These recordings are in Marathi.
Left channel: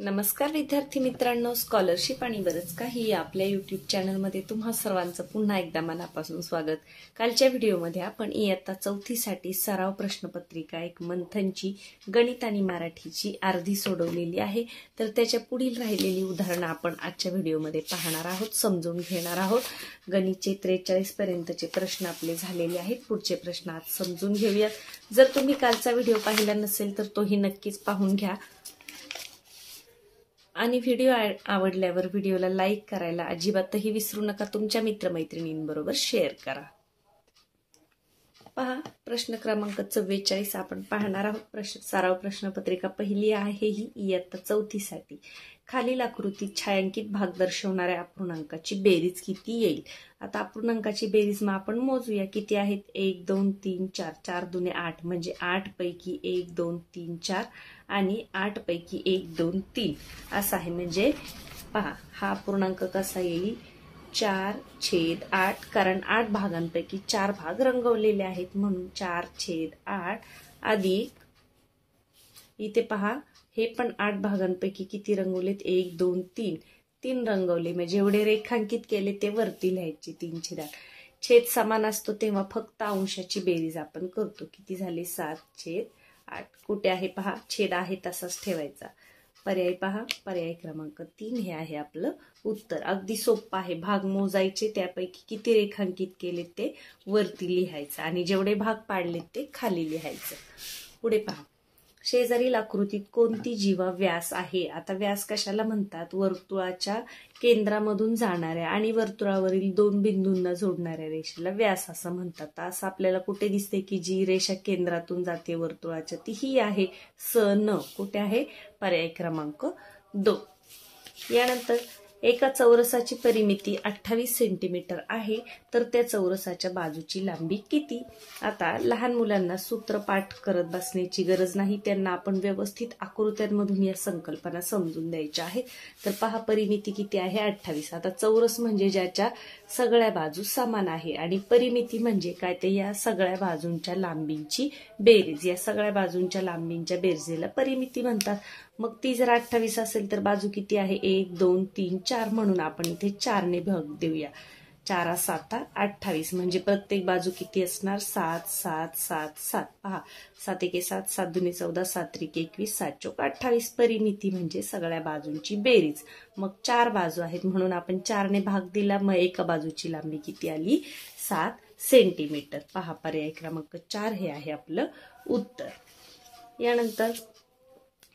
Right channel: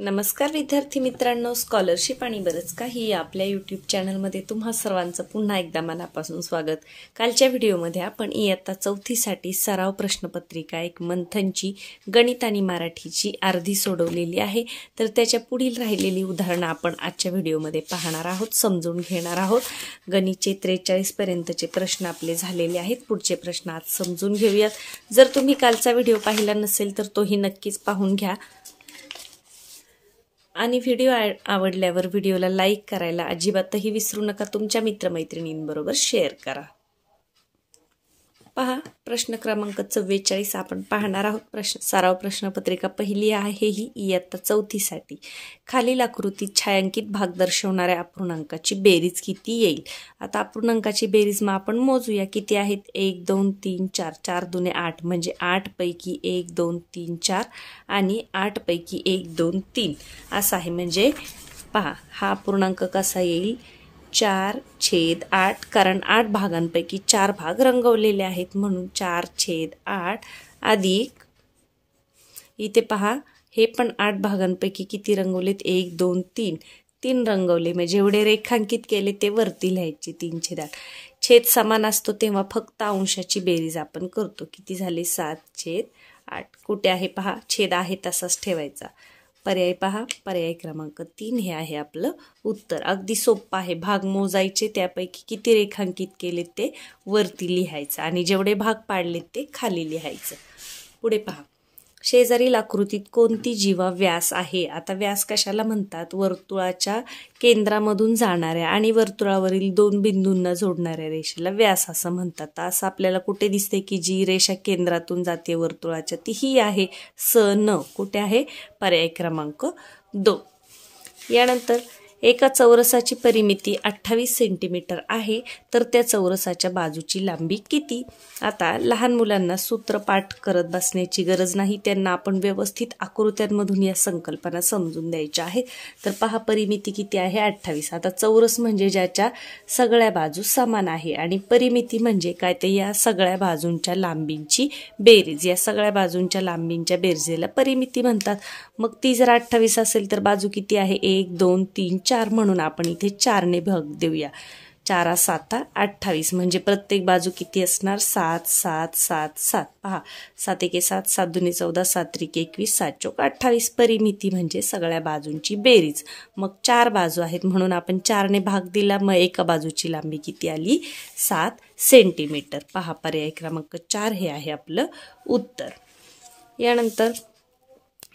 नमस्कार विद्यार्थी मित्रांनो, स्कॉलरशिप आणि बरंच काही आपल्या यूट्यूब चॅनलमध्ये तुम्हा सर्वांचं पुन्हा एकदा मनापासून स्वागत। कालच्या व्हिडिओमध्ये आपण इयत्ता 4थी साठी सराव प्रश्नपत्रिका एक मंथनची गणित आणि मराठीची अर्धी सोडवलेली आहे। तर त्याच्या पुढील राहिलेली उदाहरणं आपण आजच्या व्हिडिओमध्ये पाहणार आहोत, समजून घेणार आहोत। गणितचे 43 पर्यंतचे प्रश्न आपले झालेले आहेत। पुढचे प्रश्न आज समजून घेऊयात। जर तुम्ही कालचा व्हिडिओ पाहिला नसेल तर तोही नक्कीच पाहून घ्या आणि व्हिडिओ आवडल्यावर व्हिडिओला लाईक करायला अजिबातही विसरू नका। तुमच्या मित्रमैत्रिणींबरोबर शेअर करा। पहा, प्रश्न क्रमांक 44 आपण पाहणार आहोत। सराव प्रश्नपत्रिका पहिली आहे ही इयत्ता 4थी साठी। खालील आकृतीत छायांकित भाग दर्शवणाऱ्या अपूर्णांकाची बेरीज किती येईल। आता अपूर्णांकाची बेरीज मग आपण मोजूया किती आहेत। 1 2 3 4 4 2 8 म्हणजे 8 पैकी 1 2 3 4 आणि 8 पैकी 1 2 3 असा आहे। म्हणजे पहा हा अपूर्णांक कसा येईल 4/8, कारण 8 भागांपैकी 4 भाग रंगवलेले आहेत म्हणून 4/8 अधिक इथे पहा हे पण 8 भागांपैकी किती रंगवलेत 1 2 3 3 रंगवले। म्हणजे जेवढे रेखांकित केले ते वरती लिहायचे 3/8। छेद समान असतो तेव्हा फक्त अंशाची बेरीज आपण करतो। किती झाले 7/8। कुठे आहे पहा छेद आहे तसाच ठेवायचा। पर्याय पहा, पर्याय क्रमांक 3 हे आहे आपलं उत्तर। अगदी सोपं आहे। भाग मोजायचे, त्यापैकी किती रेखांकित केले ते वरती लिहायचं आणि जेवढे भाग पाडले ते खाली लिहायचं। पुढे पहा, शेजारील आकृतीत कोणती जीवा व्यास आहे। आता व्यास कशाला म्हणतात, वर्तुळाच्या केंद्रामधून जाणाऱ्या आणि वर्तुळावरील 2 बिंदूंना जोडणाऱ्या रेषेला व्यास असं म्हणतात। असं आपल्याला कुठे दिसते की जी रेषा केंद्रातून जाते वर्तुळाच्या ती ही आहे सन। कुठे आहे, पर्याय क्रमांक 2। यानंतर एका चौरसाची परिमिती 28 सेंटीमीटर आहे, तर त्या चौरसाच्या बाजूची लांबी किती। आता लहान मुलांना सूत्र पाठ करत बसण्याची गरज नाही, त्यांना आपण व्यवस्थित आकृत्यांमधून या संकल्पना समजून द्यायच्या आहेत। तर पहा परिमिती किती आहे 28। आता चौरस म्हणजे ज्याच्या सगळ्या बाजू समान आहे आणि परिमिती म्हणजे काय ते या सगळ्या बाजूंच्या लांबींची बेरीज। या सगळ्या बाजूंच्या लांबींच्या बेरजेला परिमिती म्हणतात। मग ती जर 28 असेल तर बाजू किती आहे 1 2 3 4 म्हणून आपण इथे 4 ने भाग देऊया। 4 7 28 म्हणजे प्रत्येक बाजू किती असणार 7 7 7 7। पहा 7 1 7 7 2 14 7 3 21 7 4 28। परिमिती म्हणजे सगळ्या बाजूंची बेरीज। मग 4 बाजू आहेत म्हणून आपण 4 ने भाग दिला, मग एका बाजूची लांबी किती आली 7 सेंटीमीटर। पहा पर्याय क्रमांक 4 हे आहे आपलं उत्तर। यानंतर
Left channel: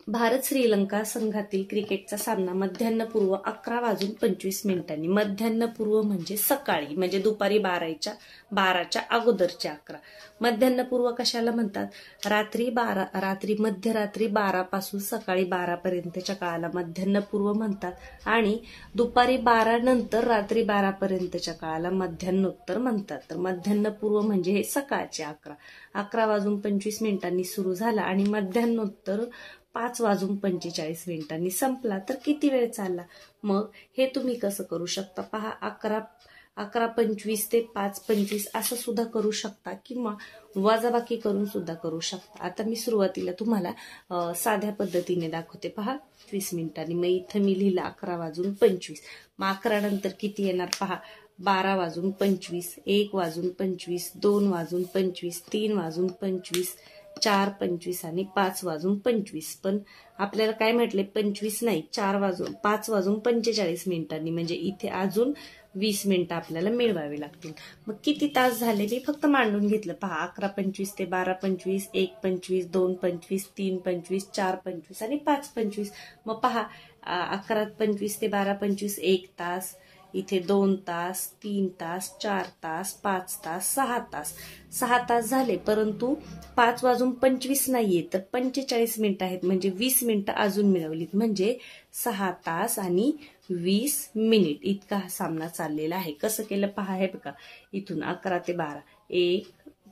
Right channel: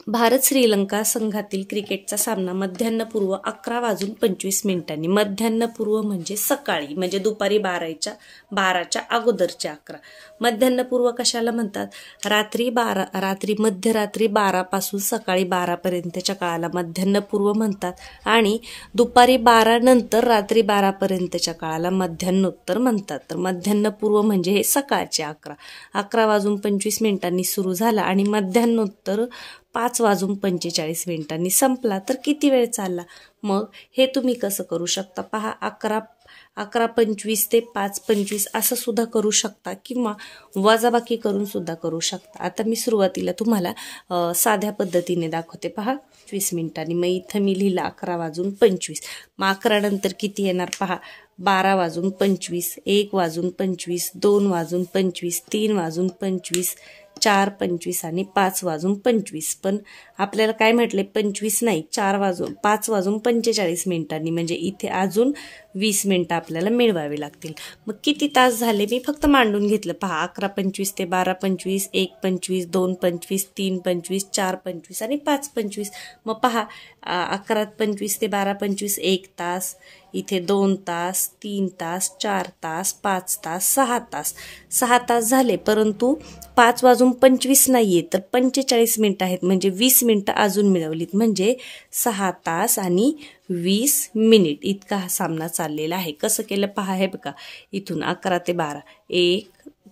भारत श्रीलंका संघातील क्रिकेटचा सामना मध्यान्हपूर्व 11:25 मध्यान्हपूर्व म्हणजे सकाळी, म्हणजे दुपारी 12च्या अगोदरचे 11। मध्यान्हपूर्व कशाला म्हणतात, मध्यरात्री 12 पासून सकाळी 12 पर्यंतच्या काळाला मध्यान्हपूर्व म्हणतात आणि दुपारी 12 नंतर रात्री 12 पर्यंतच्या काळाला मध्यान्होत्तर म्हणतात। तर मध्यान्हपूर्व म्हणजे हे सकाळचे 11:25 सुरू झाला आणि मध्यान्होत्तर 5:45 संपला तर किती वेळ चालला। मग हे तुम्ही कसं करू शकता पहा, 11:25 ते 5:25 असं सुद्धा करू शकता किंवा वजाबाकी करून सुद्धा करू शकता। आता मी सुरुवातीला तुम्हाला साध्या पद्धतीने दाखवते। पहा 20 मिनिटांनी, मग इथं मी लिहिलं 11:25। मग 11 नंतर किती येणार पहा 12:25, 1:25, 2:25, 3:25, 4:25 आणि 5:25। पण आपल्याला काय म्हटले 25 नाही 5:45 म्हणजे इथे अजून 20 मिनिटं आपल्याला मिळवावे लागतील। मग किती तास झाले मी फक्त मांडून घेतलं। पहा 11:25 ते 12:25, 1:25, 2:25, 3:25, 4:25 आणि 5:25। मग पहा 11:25 ते 12:25 1 तास, इथे 2 तास, 3 तास, 4 तास, 5 तास, 6 तास। 6 तास झाले, परंतु 5:25 नाहीये तर 45 मिनिटं आहेत, म्हणजे 20 मिनिटं अजून मिळवलीत, म्हणजे 6 तास आणि 20 मिनिट इतका हा सामना चाललेला आहे। कसं केलं पहा, हे बघा इथून 11 ते 12 1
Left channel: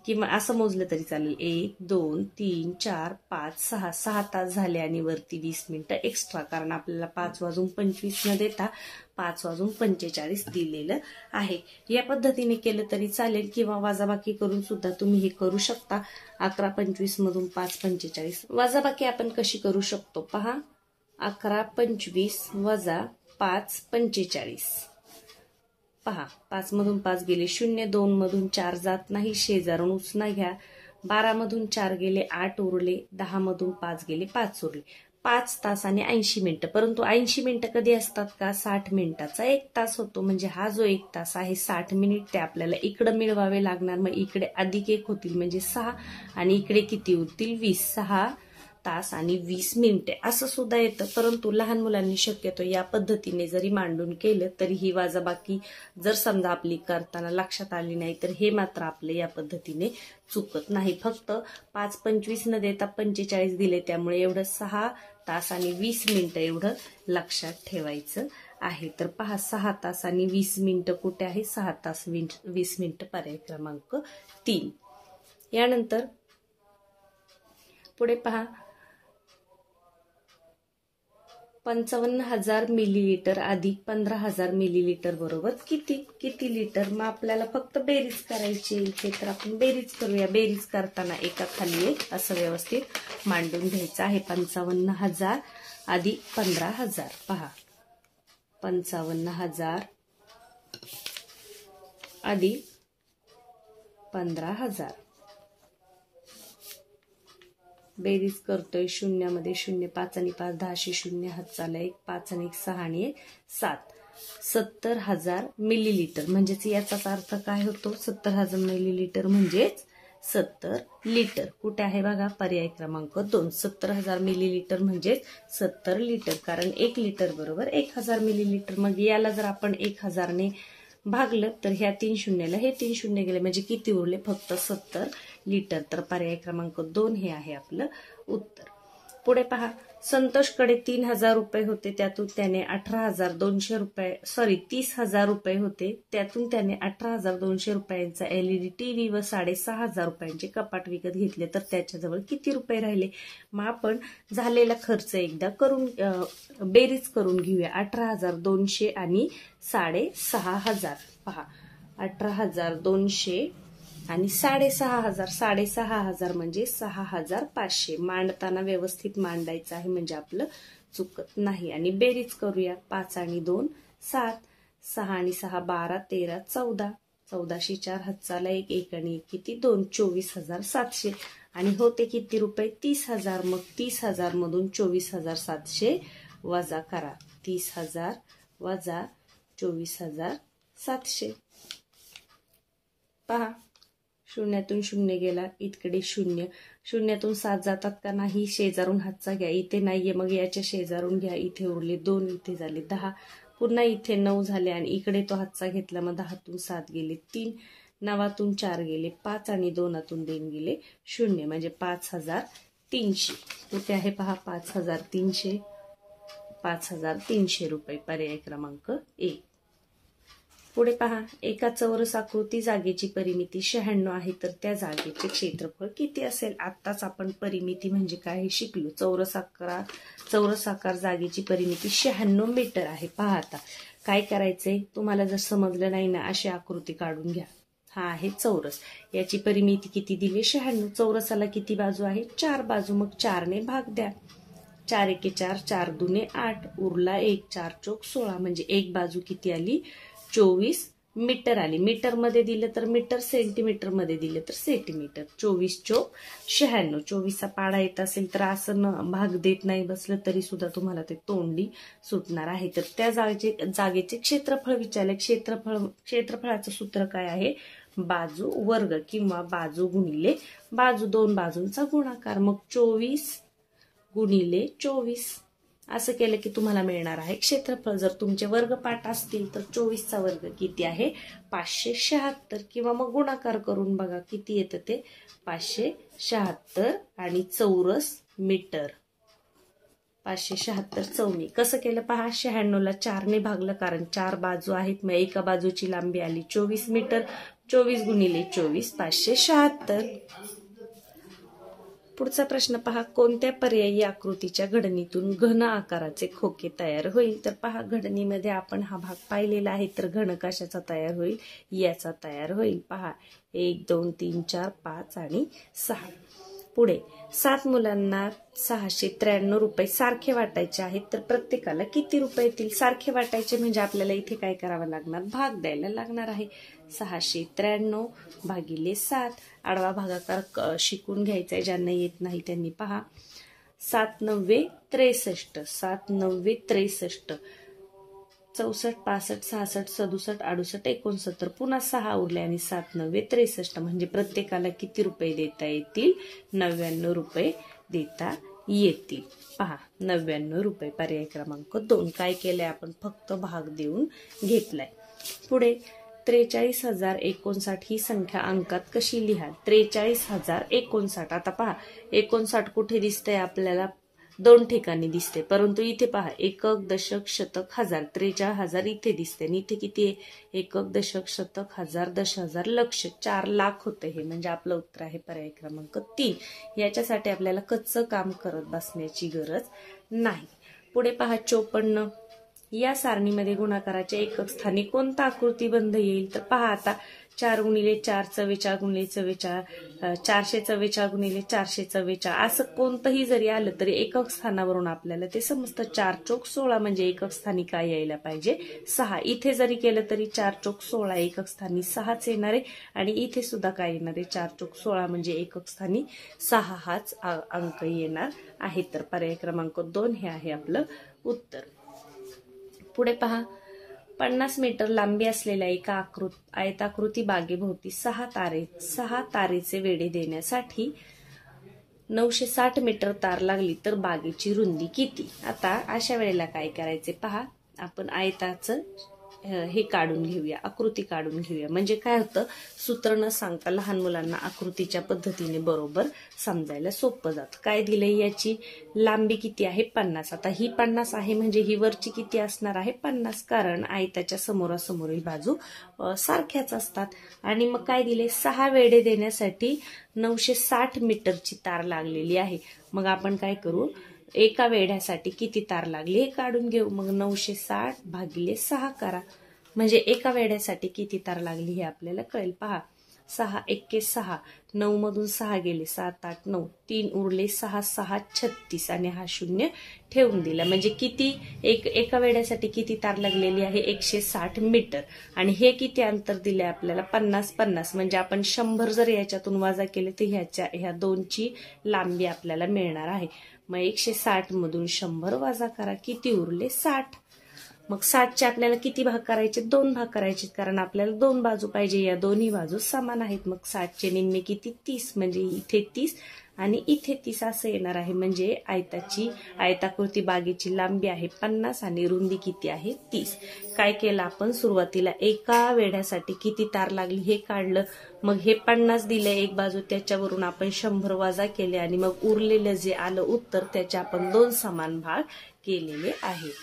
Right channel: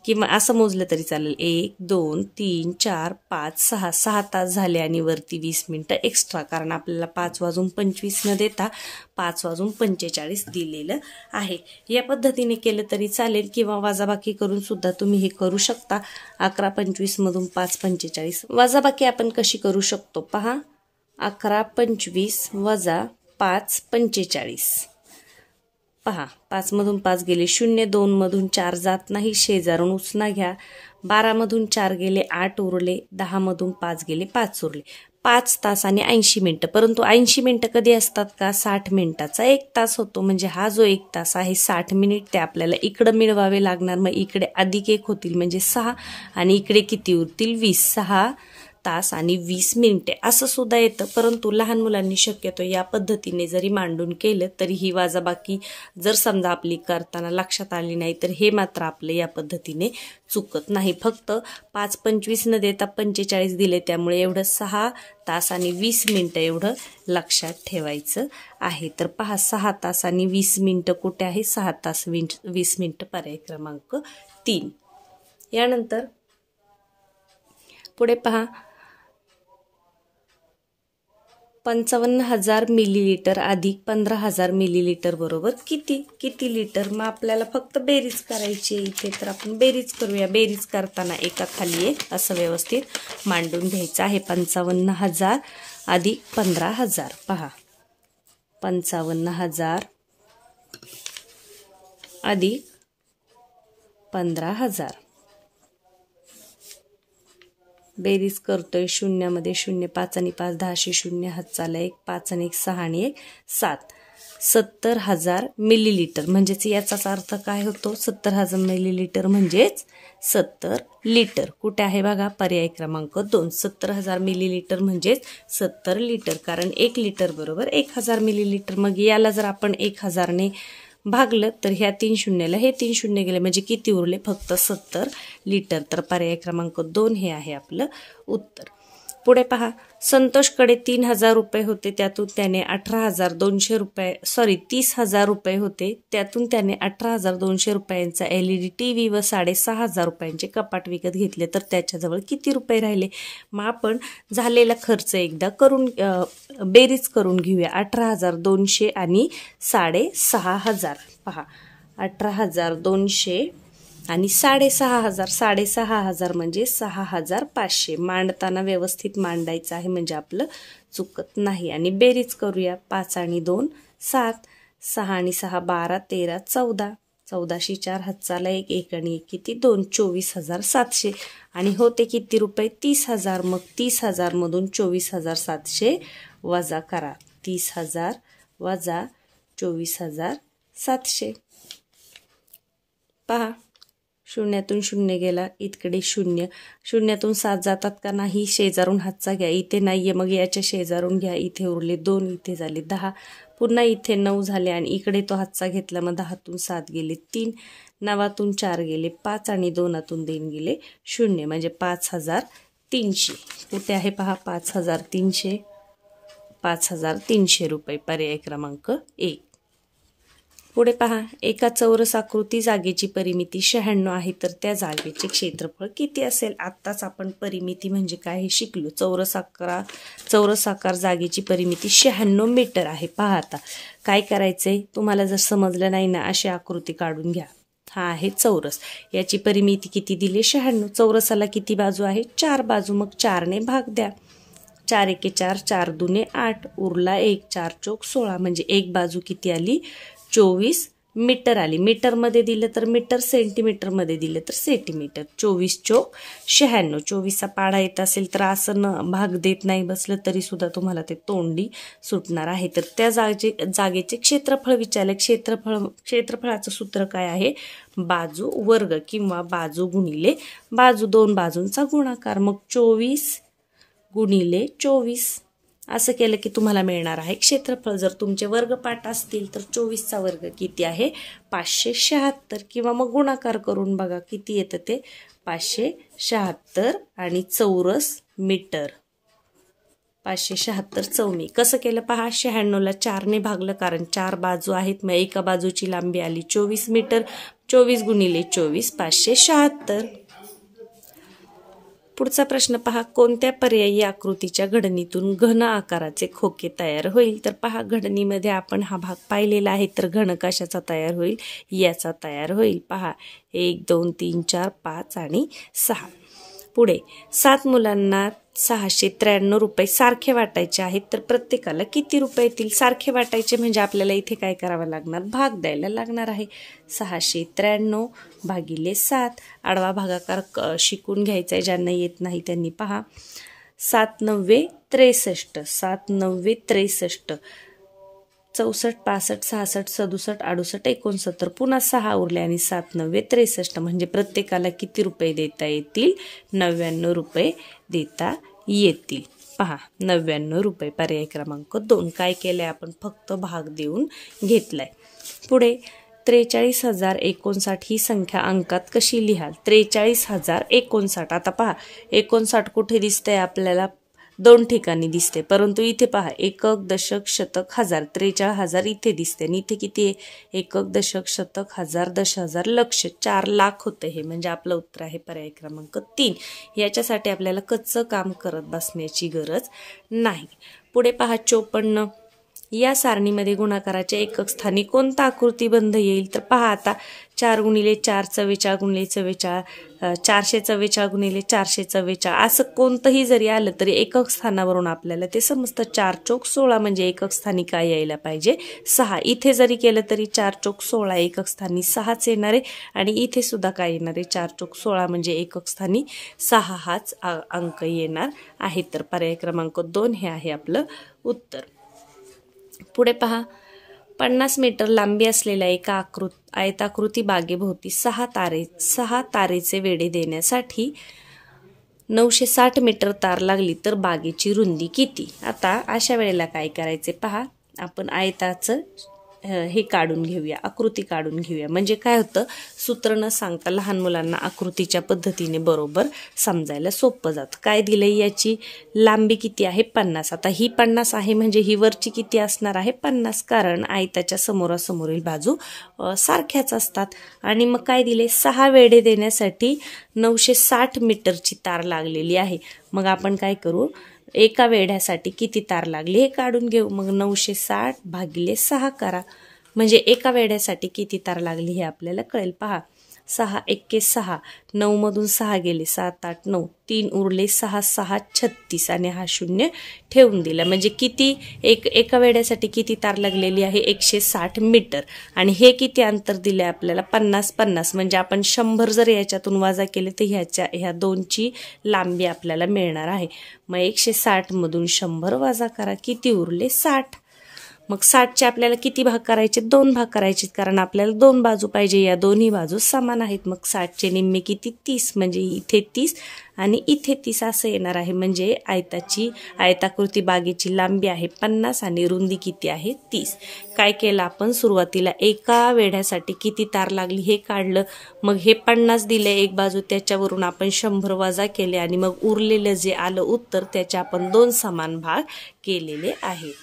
किंवा असं मोजलं तरी चालेल 1 2 3 4 5 6 6 तास झाले आणि वरती 20 मिनिटं एक्स्ट्रा, कारण आपल्याला 5:25 न देता 5:45 दिलेलं आहे। या पद्धतीने केलं तरी चालेल किंवा वजाबाकी करून सुद्धा तुम्ही हे करू शकता। 11:25 मधून 5:45 वजाबाकी आपण कशी करू शकतो पहा, 11 25 वजा 5 45. पहा 5 मधून 5 गेले 0, 2 मधून 4 जात नाही, शेजारून उसना घ्या. 12 मधून 4 गेले 8 उरले, 10 मधून 5 गेले 5 उरले. 5 तास आणि 80 मिनिटं. परंतु 80 मिनिटं कधी असतात का? 60 मिनिटाचा 1 तास होतो. म्हणजे हा जो 1 तास आहे 60 मिनिट ते आपल्याला इकडं मिळवावे लागणार. मग इकडे अधिक 1 होतील म्हणजे 6 आणि इकडे किती उरतील? 20. 6 तास आणि 20 मिनिटे असं सुद्धा येतं. परंतु लहान मुलांनी शक्यतो या पद्धतीने जरी मांडून केलं तरी ही वजाबाकी जर समजा आपली करताना लक्षात आली नाही तर हे मात्र आपलं या पद्धतीने चुकत नाही. फक्त 5 25 न देता 45 दिले, त्यामुळे एवढं 6 तास आणि 20 मिनिटं एवढं लक्षात ठेवायचं आहे. तर पहा 6 तास आणि 20 मिनिटं कुठे आहे? 6 तास 20 मिनिटं पर्याय क्रमांक 3. यानंतर पुढे पहा 55,000 मिलीलिटर अधिक 15,000 मिलीलिटर बरोबर किती लिटर? मग आपल्याला फक्त बेरीज करायची इथे. तर आपण बेरीज करूया. बेरीज करताना एका खाली एक असं व्यवस्थित मांडून घ्यायचं आहे. 55,000 अधिक 15,000. पहा 55,000 अधिक 15,000. बेरीज करतोय. 0 मध्ये 0, 5 आणि 5 10, 0 हात चाला 1, 5 आणि 1 6 आणि 1 7. 70,000 मिलीलिटर. म्हणजेच याचाच अर्थ काय होतो? 70,000 मिलीलिटर म्हणजेच 70 लिटर. कुठे आहे बघा? पर्याय क्रमांक 2. 70,000 मिलीलिटर म्हणजेच 70 लिटर. कारण 1 लिटर बरोबर 1000 मिलीलिटर. मग याला जर आपण 1000 ने भागलं तर ह्या 3 शून्याला हे 3 शून्य गेले म्हणजे किती उरले? फक्त 70 लिटर. तर पर्याय क्रमांक 2 हे आहे आपलं उत्तर. पुढे पहा संतोषकडे 3,000 रुपये होते, त्यातून त्याने 18,200 रुपये 30,000 रुपये होते, त्यातून त्याने 18,200 रुपयांचा LED TV व 6,500 रुपयांचे कपाट विकत घेतले. तर त्याच्याजवळ किती रुपये राहिले? मग आपण झालेला खर्च एकदा करून बेरीज करून घेऊया. 18,200 आणि 6,500. पहा 18,200 आणि 6,500. 6,500 म्हणजे 6,500. मांडताना व्यवस्थित मांडायचं आहे म्हणजे आपलं चुकत नाही. आणि बेरीज करूया. 5 आणि 2 7, 6 आणि 6 12, 13 14. 14शी 4 हात चाला 1, 1 आणि 1 किती? 2. 24,700. आणि होते किती रुपये? 30,000. मग 30,000 मधून 24,700 वजा करा. 30,000 वजा 24,700. पहा शून्यातून 0 गेला, इकडे 0. शून्यातून 7 जातात का नाही? शेजारून हातचा घ्या. इथे नाहीये मग याच्या शेजारून घ्या. इथे उरले 2, इथे झाले 10, पुन्हा इथे 9 झाले आणि इकडे तो हातचा घेतला. मग 10तून 7 गेले 3, 9तून 4 गेले 5 आणि 2तून 2 गेले 0 म्हणजे 5,300. कुठे आहे पहा? 5,300. 5,300 रुपये. पर्याय क्रमांक 1. पुढे पहा एका चौरस आकृती जागेची परिमिती 96 आहे, तर त्या जागेचे क्षेत्रफळ किती असेल? आत्ताच आपण परिमिती म्हणजे काय हे शिकलो. चौरसाकार जागेची परिमिती 96 मीटर आहे. पहा आता काय करायचंय तुम्हाला जर समजलं नाही ना, अशी आकृती काढून घ्या. हा आहे चौरस, याची परिमिती किती दिली? 96. चौरसाला किती बाजू आहे? 4 बाजू. मग 4 ने भाग द्या. 4 एके 4, 4 दुने 8, उरला 1, 4 चौक 16 म्हणजे एक बाजू किती आली? 24 मीटर आली. मीटर मध्ये दिलं तर मीटर, सेंटीमीटर मध्ये दिलं तर सेंटीमीटर. 24 चौक 96. 24चा पाढा येत असेल तर असं भाग देत नाही बसलं तरी सुद्धा तुम्हाला ते तोंडी सुटणार आहे. तर त्या जागेचे क्षेत्रफळ विचारले. क्षेत्रफळाचं सूत्र काय आहे? बाजू वर्ग किंवा बाजू गुणिले बाजू, 2 बाजूंचा गुणाकार. मग 24 गुणिले 24 असं केलं की तुम्हाला मिळणार आहे क्षेत्रफळ. जर तुमचे वर्गपाठ असतील तर 24चा वर्ग किती आहे? 576. किंवा मग गुणाकार करून बघा किती येतं ते? 576 आणि चौरस मीटर 576 चौनी. कसं केलं पहा? 96ला 4 ने भागलं कारण 4 बाजू आहेत. मग एका बाजूची लांबी आली 24 मीटर. 24 गुणिले 24 576. पुढचा प्रश्न पहा कोणत्या पर्यायी आकृतीच्या घडणीतून घन आकाराचे खोके तयार होईल? तर पहा घडणीमध्ये आपण हा भाग पाहिलेला आहे. तर घन कशाचा तयार होईल? याचा तयार होईल. पहा 1 2 3 4 5 आणि 6. पुढे 7 मुलांना 693 रुपये सारखे वाटायचे आहेत, तर प्रत्येकाला किती रुपये येतील? सारखे वाटायचे म्हणजे आपल्याला इथे काय करावं लागणार? भाग द्यायला लागणार आहे. 693 भागिले 7. आडवा भागाकार शिकून घ्यायचा आहे, ज्यांना येत नाही त्यांनी पहा. 7 9 63, 7 9 63, 64 65 66 67 68 69, पुन्हा 6 उरले आणि 7 9 63 म्हणजे प्रत्येकाला किती रुपये देता येतील? 99 रुपये देता येतील. पहा 99 रुपये. पर्याय क्रमांक 2. काय केलंय आपण? फक्त भाग देऊन घेतलाय. पुढे 43,059 ही संख्या अंकात कशी लिहाल? 43,059. आता पहा 59 कुठे दिसतंय आपल्याला? 2 ठिकाणी दिसते, परंतु इथे पहा एकक, दशक, शतक, हजार. 43,000 इथे दिसते आणि इथे किती आहे? एकक, दशक, शतक, हजार, 10,000, लक्ष. 4 लाख होतं हे, म्हणजे आपलं उत्तर आहे पर्याय क्रमांक 3. याच्यासाठी आपल्याला कच्चं काम करत बसण्याची गरज नाही. पुढे पहा 54. या सारणीमध्ये गुणाकाराच्या एकक स्थानी कोणता आकृतिबंध येईल? तर पहा आता 4 गुणिले 4 44 गुणिले 44, 444 गुणिले 444 असं कोणतंही जरी आलं तरी एकक स्थानावरून आपल्याला ते समजतं. 4 चौक 16 म्हणजे एकक स्थानी काय यायला पाहिजे? 6. इथे जरी केलं तरी 4 चौक 16 एकक स्थानी 6च येणार आहे आणि इथे सुद्धा काय येणार आहे? 4 चौक 16 म्हणजे एकक स्थानी 6 हाच अंक येणार आहे. तर पर्याय क्रमांक 2 हे आहे आपलं उत्तर. पुढे पहा 50 मीटर लांबी असलेल्या एका आयताकृती बागेभोवती 6 तारेचे वेढे देण्यासाठी 960 मीटर तार लागली तर बागेची रुंदी किती? आता अशा वेळेला काय करायचे? पहा आपण आयताचं हे काढून घेऊया, आकृती काढून घेऊया. म्हणजे काय होतं? सूत्र न सांगता लहान मुलांना आकृतीच्या पद्धतीने बरोबर समजायला सोपं जातं. काय दिलंय? याची लांबी किती आहे? 50. आता ही 50 आहे म्हणजे ही वरची किती असणार आहे? 50, कारण आयताच्या समोरासमोरील बाजू सारख्याच असतात. आणि मग काय दिले? 6 वेढे देण्यासाठी 960 मीटरची तार लागलेली आहे. मग आपण काय करू? एका वेढ्यासाठी किती तार लागली हे काढून घेऊ. मग 960 भागिले 6 करा, म्हणजे एका वेढ्यासाठी किती तार लागली हे आपल्याला कळेल. पहा 6 1 6, 9 मधून 6 गेले, 7 8 9, 3 उरले, 6 6 36 आणि हा 0 ठेवून दिला. म्हणजे किती? एका वेढ्यासाठी किती तार लागलेली आहे? 160 मीटर. आणि हे किती अंतर दिले आपल्याला? 50 म्हणजे आपण 100 जर याच्यातून वजा केले तर ह्या दोनची लांबी आपल्याला मिळणार आहे. मग 160 मधून 100 वजा करा, किती उरले? 60. मग 60चे आपल्याला किती भाग करायचे? 2 भाग करायचे, कारण आपल्याला 2 बाजू पाहिजे. या दोन्ही बाजू समान आहेत. मग 60चे निम्मे किती? 30. म्हणजे इथे 30 आणि इथे 30 असं येणार आहे. म्हणजे आयताकृती बागेची लांबी आहे 50 आणि रुंदी किती आहे? 30. काय केलं आपण? सुरुवातीला एका वेढ्यासाठी किती तार लागली हे काढलं. मग हे 50 दिले एक बाजू, त्याच्यावरून आपण 100 वजा केले आणि मग उरलेलं जे आलं उत्तर त्याचे आपण 2 समान भाग केलेले आहेत.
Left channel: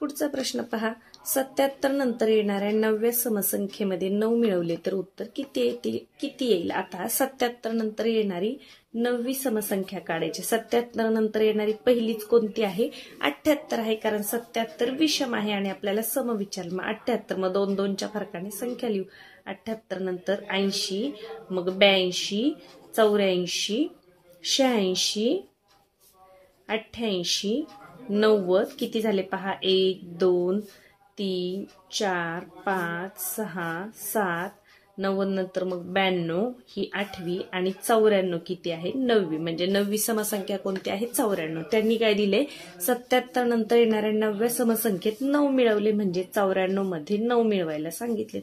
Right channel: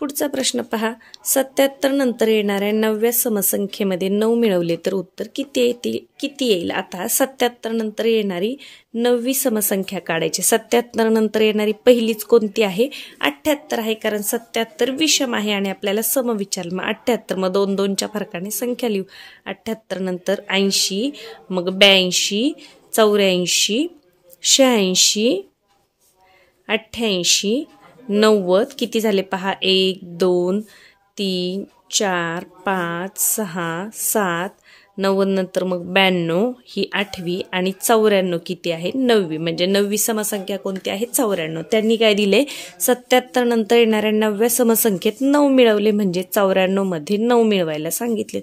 पुढचा प्रश्न पहा. 77 नंतर येणाऱ्या 9व्या समसंख्येमध्ये 9 मिळवले तर उत्तर किती येईल? आता 77 नंतर येणारी 9वी समसंख्या काढायची. 77 नंतर येणारी पहिलीच कोणती आहे? 78 आहे, कारण 77 विषम आहे आणि आपल्याला सम विचारलं. मग 78, मग 2 2च्या फरकाने संख्या लिहू. 78 नंतर 80, मग 82, 84, 86, 88, 90 किती झाले पहा? 1 2 3 4 5 6 7. 90 नंतर मग 92 ही 8वी आणि 94 किती आहे? 9वी. म्हणजे 9वी समसंख्या कोणती आहे? 94. त्यांनी काय दिले? 77 नंतर येणाऱ्या 9व्या समसंख्येत 9 मिळवले, म्हणजे 94 मध्ये 9 मिळवायला सांगितलेत.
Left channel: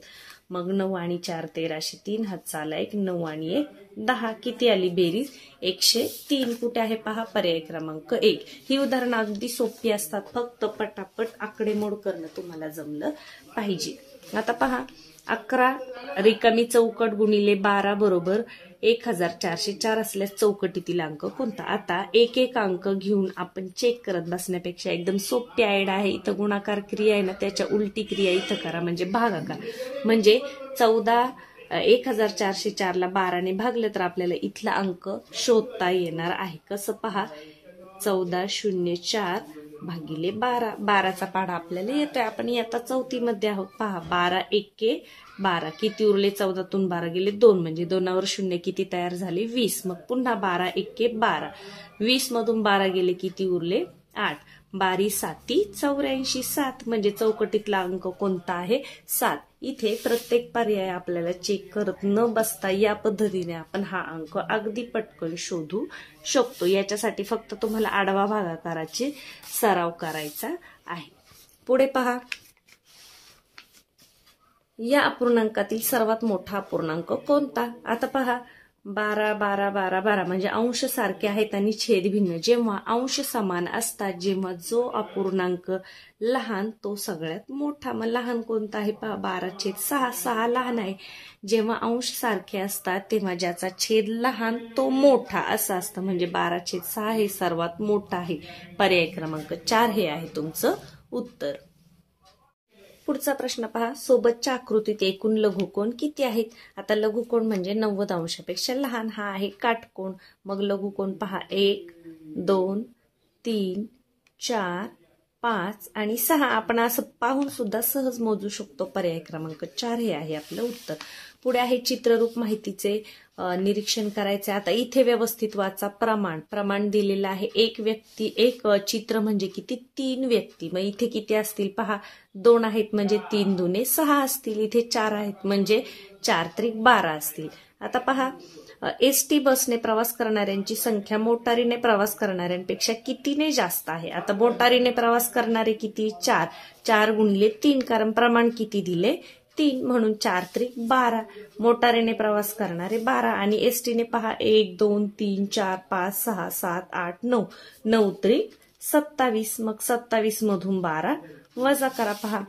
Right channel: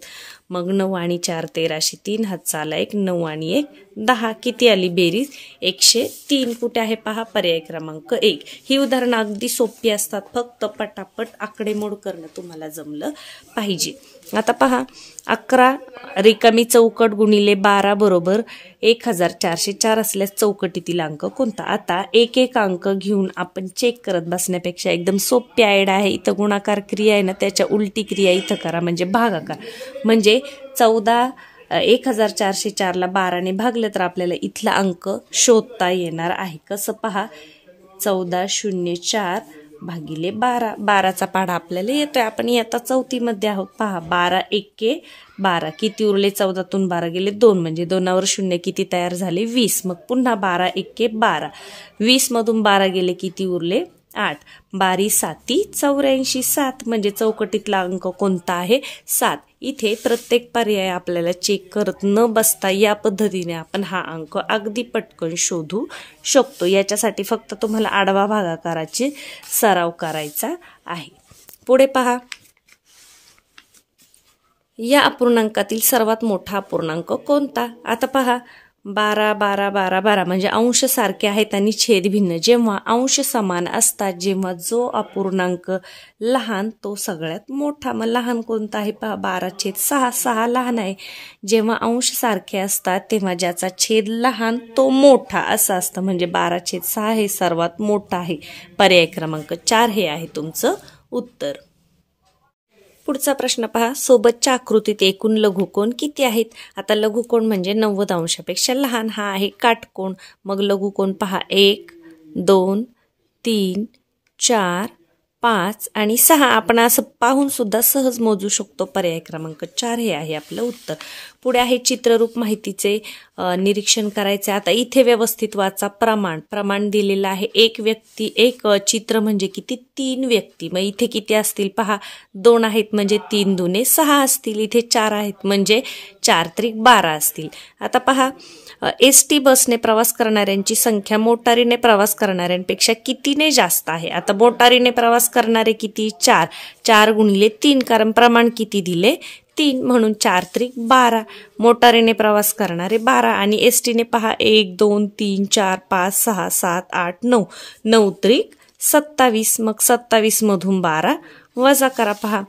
मग 9 आणि 4 13, 3 हातचा आला 1, 9 आणि 1 10. किती आली बेरीज? 103. कुठे आहे पहा? पर्याय क्रमांक 1. ही उदाहरणं अगदी सोपी असतात, फक्त पटापट आकडेमोड करणं तुम्हाला जमलं पाहिजे. आता पहा 11 रिकामी चौकट गुणिले 12 बरोबर 1404 असल्यास चौकटीतील अंक कोणता? आता एक एक अंक घेऊन आपण चेक करत बसण्यापेक्षा एकदम सोपी आयडिया आहे. इथं गुणाकार क्रिया आहे ना, त्याच्या उलटी क्रिया इथं करा, म्हणजे भागाकार. म्हणजे 1404ला 12ने भागलं तर आपल्याला इथला अंक शोधता येणार आहे. कसं? पहा 1404 भागिले 12. 12चा पाढा आपल्याला येतोय. आपण आता 4थीमध्ये आहोत. पहा 12 एके 12 किती उरले? 14तून 12 गेले 2 म्हणजे 2वर 0 किती तयार झाले? 20. मग पुन्हा 12 एके 12 20 मधून 12 गेले किती उरले? 8. 12 साती 84 7 म्हणजे चौकटीतला अंक कोणता आहे? 7. इथे प्रत्येक पर्याय आपल्याला चेक करत न बसता या पद्धतीने आपण हा अंक अगदी पटकन शोधू शकतो. याच्यासाठी फक्त तुम्हाला आडवा भागाकाराची सराव करायचा आहे. पुढे पहा, या अपूर्णांकातील सर्वात मोठा अपूर्णांक कोणता? आता पहा 12 12 12 12 म्हणजे अंश सारखे आहेत आणि छेद भिन्न. जेव्हा अंश समान असतात, जेव्हा जो अपूर्णांक लहान तो सगळ्यात मोठा. मग लहान कोणता आहे? पहा 12/6 6 लहान आहे. जेव्हा अंश सारखे असतात तेव्हा ज्याचा छेद लहान तो मोठा असं असतं. म्हणजे 12/6 हे सर्वात मोठं आहे. पर्याय क्रमांक 4 हे आहे तुमचं उत्तर. पुढचा प्रश्न पहा, सोबतच्या आकृतीत एकूण लघुकोण किती आहेत? आता लघुकोण म्हणजे 90 अंशापेक्षा लहान. हा आहे काटकोण. मग लघुकोण पहा 1 2 3 4 5 आणि 6. आपण असं पाहून सुद्धा सहज मोजू शकतो. पर्याय क्रमांक 4 हे आहे आपलं उत्तर. पुढे आहे चित्ररूप माहितीचे निरीक्षण करायचे. आता इथे व्यवस्थित वाचा. प्रमाण दिलेलं आहे. एक व्यक्ती एक चित्र म्हणजे किती? 3 व्यक्ती. मग इथे किती असतील? पहा 2 आहेत म्हणजे 3 दुने 6 असतील. इथे 4 आहेत म्हणजे 4 त्रिक 12 असतील. आता पहा, ST बसने प्रवास करणाऱ्यांची संख्या मोटारीने प्रवास करणाऱ्यांपेक्षा कितीने जास्त आहे? आता मोटारीने प्रवास करणारे किती? 4. 4 गुणिले 3 कारण प्रमाण किती दिले? 3 म्हणून 4 त्रिक 12. मोटारीने प्रवास करणारे 12 आणि STने पहा 1 2 3 4 5 6 7 8 9 9 त्रिक 27. मग 27 मधून 12 वजा करा. पहा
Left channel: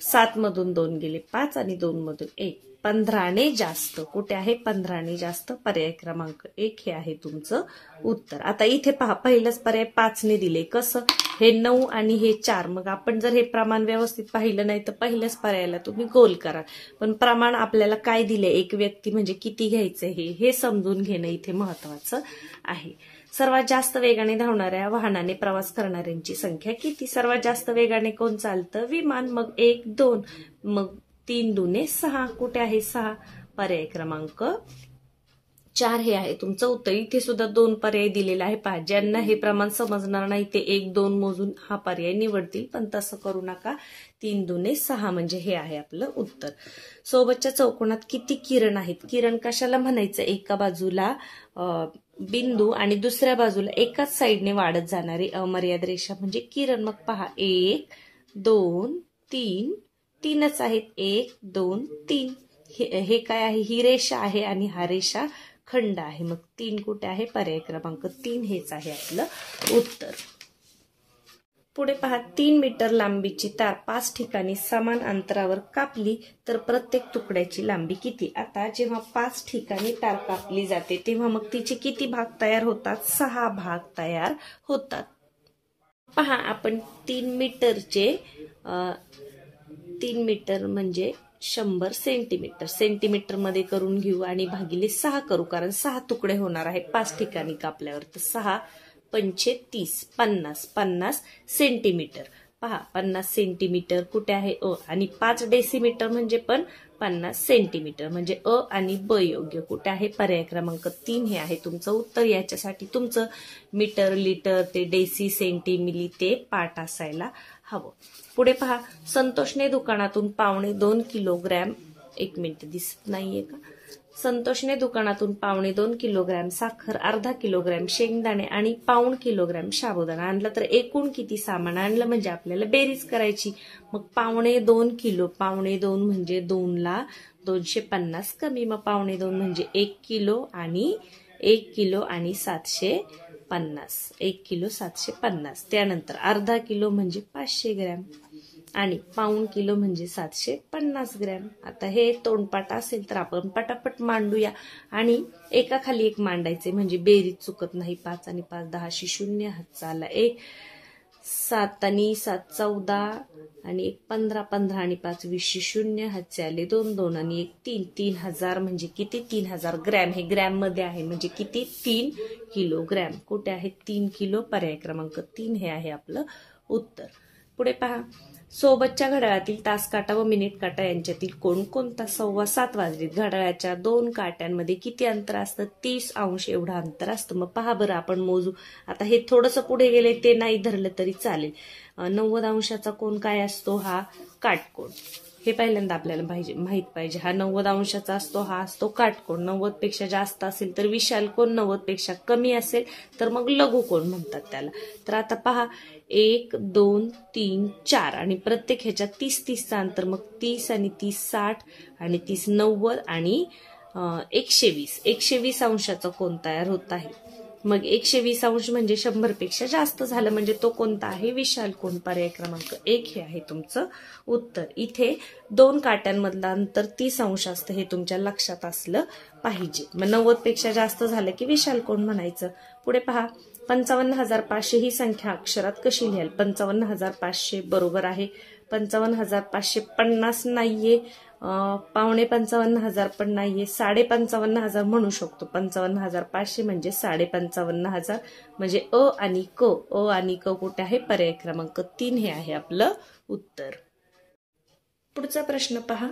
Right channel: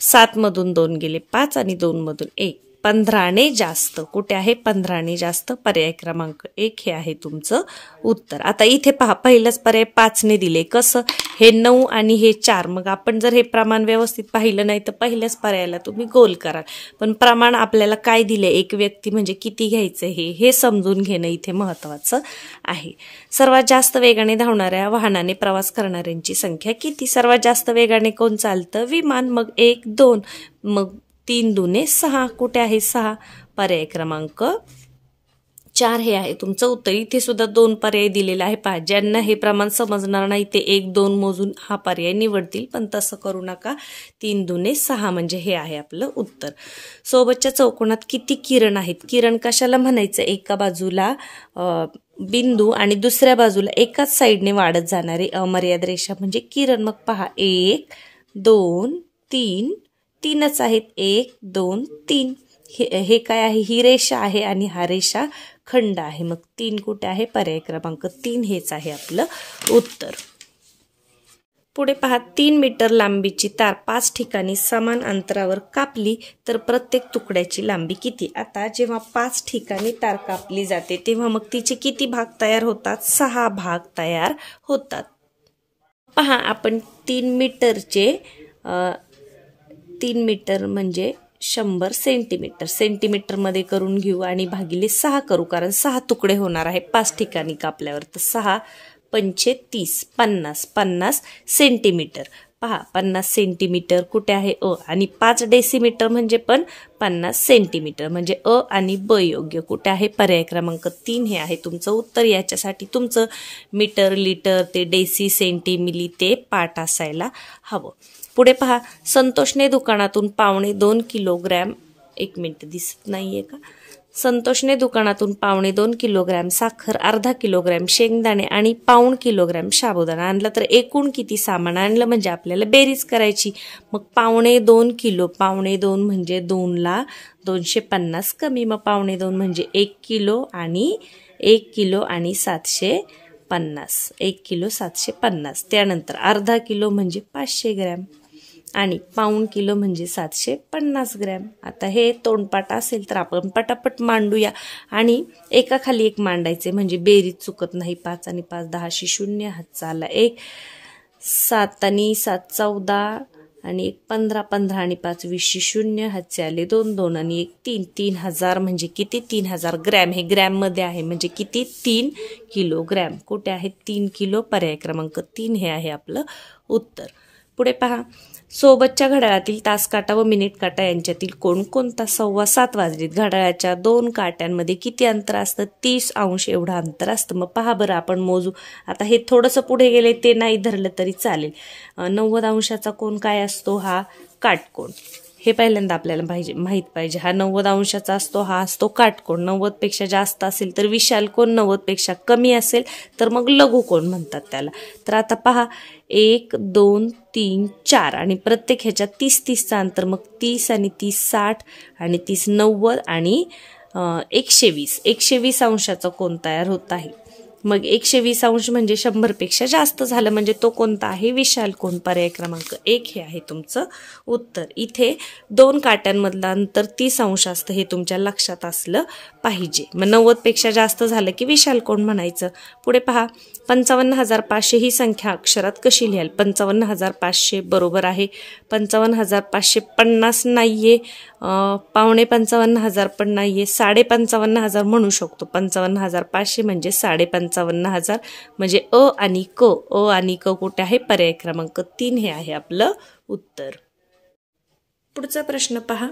7 मधून 2 गेले 5 आणि 2 मधून 1. 15ने जास्त. कुठे आहे? 15ने जास्त. पर्याय क्रमांक 1 हे आहे तुमचं उत्तर. आता इथे पहा, पहिलंच पर्याय 5ने दिले. कसं? हे 9 आणि हे 4. मग आपण जर हे प्रमाण व्यवस्थित पाहिलं नाही तर पहिल्याच पर्यायाला तुम्ही गोल कराल. पण प्रमाण आपल्याला काय दिले? एक व्यक्ती म्हणजे किती घ्यायचं हे समजून घेणं इथे महत्वाचं आहे. सर्वात जास्त वेगाने धावणाऱ्या वाहनाने प्रवास करणाऱ्यांची संख्या किती? सर्वात जास्त वेगाने कोण चालतं? विमान. मग 1 2 मग 3 दुने 6. कुठे आहे? 6. पर्याय क्रमांक 4 हे आहे तुमचं उत्तर. इथे सुद्धा 2 पर्याय दिलेला आहे. पहा, ज्यांना हे प्रमाण समजणार नाही ते 1 2 मोजून हा पर्याय निवडतील, पण तसं करू नका. 3 दुने 6 म्हणजे हे आहे आपलं उत्तर. सोबतच्या चौकोनात किती किरण आहेत? किरण कशाला म्हणायचं? एका बाजूला बिंदू आणि दुसऱ्या बाजूला एकाच साईडने वाढत जाणारी अमर्याद रेषा म्हणजे किरण. मग पहा 1 2 3 3च आहेत. 1 2 3 हे काय आहे? ही रेषा आहे आणि हा रेषा खंड आहे. मग 3 कुठे आहे? पर्याय क्रमांक 3 हेच आहे आपलं उत्तर. पुढे पहा, 3 मीटर लांबीची तार 5 ठिकाणी समान अंतरावर कापली तर प्रत्येक तुकड्याची लांबी किती? आता जेव्हा 5 ठिकाणी तार कापली जाते तेव्हा मग तिचे किती भाग तयार होतात? 6 भाग तयार होतात. पहा, आपण 3 मीटरचे 3 मीटर म्हणजे 100 सेंटीमीटर सेंटीमीटरमध्ये करून घेऊ आणि भागिले 6 करू, कारण 6 तुकडे होणार आहे 5 ठिकाणी कापल्यावर. तर 6 पंचे 30 50 50 सेंटीमीटर. पहा 50 सेंटीमीटर कुठे आहे? अ. आणि 5 डेसिमीटर म्हणजे पण 50 सेंटीमीटर म्हणजे अ आणि ब योग्य. कुठे आहे? पर्याय क्रमांक 3 हे आहे तुमचं उत्तर. याच्यासाठी तुमचं मीटर लिटर ते डेसी सेंटी मिली ते पाठ असायला हवं. पुढे पहा, संतोषने दुकानातून 1.25 किलोग्रॅम 1 मिनिट दिसत नाहीये का? संतोषने दुकानातून 1.25 किलोग्रॅम साखर, अर्धा किलोग्रॅम शेंगदाणे आणि 1 किलोग्रॅम साबुदाणा आणला तर एकूण किती सामान आणलं? म्हणजे आपल्याला बेरीज करायची. मग 1.25 किलो 1.25 म्हणजे 2 ला 250 कमी. मग 1.25 म्हणजे 1 किलो आणि 1 किलो आणि 750 1 किलो 750. त्यानंतर अर्धा किलो म्हणजे 500 ग्रॅम आणि 1 किलो म्हणजे 750 ग्रॅम. आता हे तोंडपाठ असेल तर आपण पटापट मांडूया आणि एकाखाली एक मांडायचे म्हणजे बेरीज चुकत नाही. 5 आणि 5 10 0 हातचा आला 1 7 आणि 7 14 आणि 1 15 15 आणि 5 20 0 हातचे आले 2 2 आणि 1 3 3000 म्हणजे किती 3000 ग्रॅम. हे ग्रॅम मध्ये आहे म्हणजे किती 3 किलोग्रॅम. कुठे आहे 3 किलो. पर्याय क्रमांक 3 हे आहे आपलं उत्तर. पुढे पहा, सोबतच्या घड्याळातील तास काटा व मिनिट काटा यांच्यातील कोणकोणता 7:15 वाजलेत. घड्याळाच्या 2 काट्यांमध्ये किती अंतर असतं 30 अंश एवढं अंतर असतं. मग पहा बरं आपण मोजू. आता हे थोडंसं पुढे गेले ते नाही धरलं तरी चालेल. 90 अंशाचा कोण काय असतो हा काटकोन. हे पहिल्यांदा आपल्याला माहित पाहिजे. हा 90 अंशाचा असतो, हा असतो काटकोन. 90 पेक्षा जास्त असेल तर विशाल कोन, 90 पेक्षा कमी असेल तर मग लघु कोन म्हणतात त्याला. तर आता पहा 1 2 3 4 आणि प्रत्येक ह्याच्यात 30-30चा अंतर. मग 30 आणि 30 60 आणि 30 90 आणि 120. 120 अंशाचा कोन तयार होत आहे. मग 120 अंश म्हणजे 100 पेक्षा जास्त झालं म्हणजे तो कोणता आहे विशाल कोन. पर्याय क्रमांक 1 हे आहे तुमचं उत्तर. इथे 2 काट्यांमधलं अंतर 30 अंश असतं हे तुमच्या लक्षात असलं पाहिजे. मग 90 पेक्षा जास्त झालं की विशाल कोन म्हणायचं. पुढे पहा 55,500 ही संख्या अक्षरात कशी लिहाल. 55,500 बरोबर आहे. 55,550 नाहीये, 55,500 पण नाहीये, 55,500 म्हणू शकतो. 55,500 म्हणजे 55,500 म्हणजे अ आणि क कुठे आहे. पर्याय क्रमांक 3 हे आहे आपलं उत्तर. पुढचा प्रश्न पहा,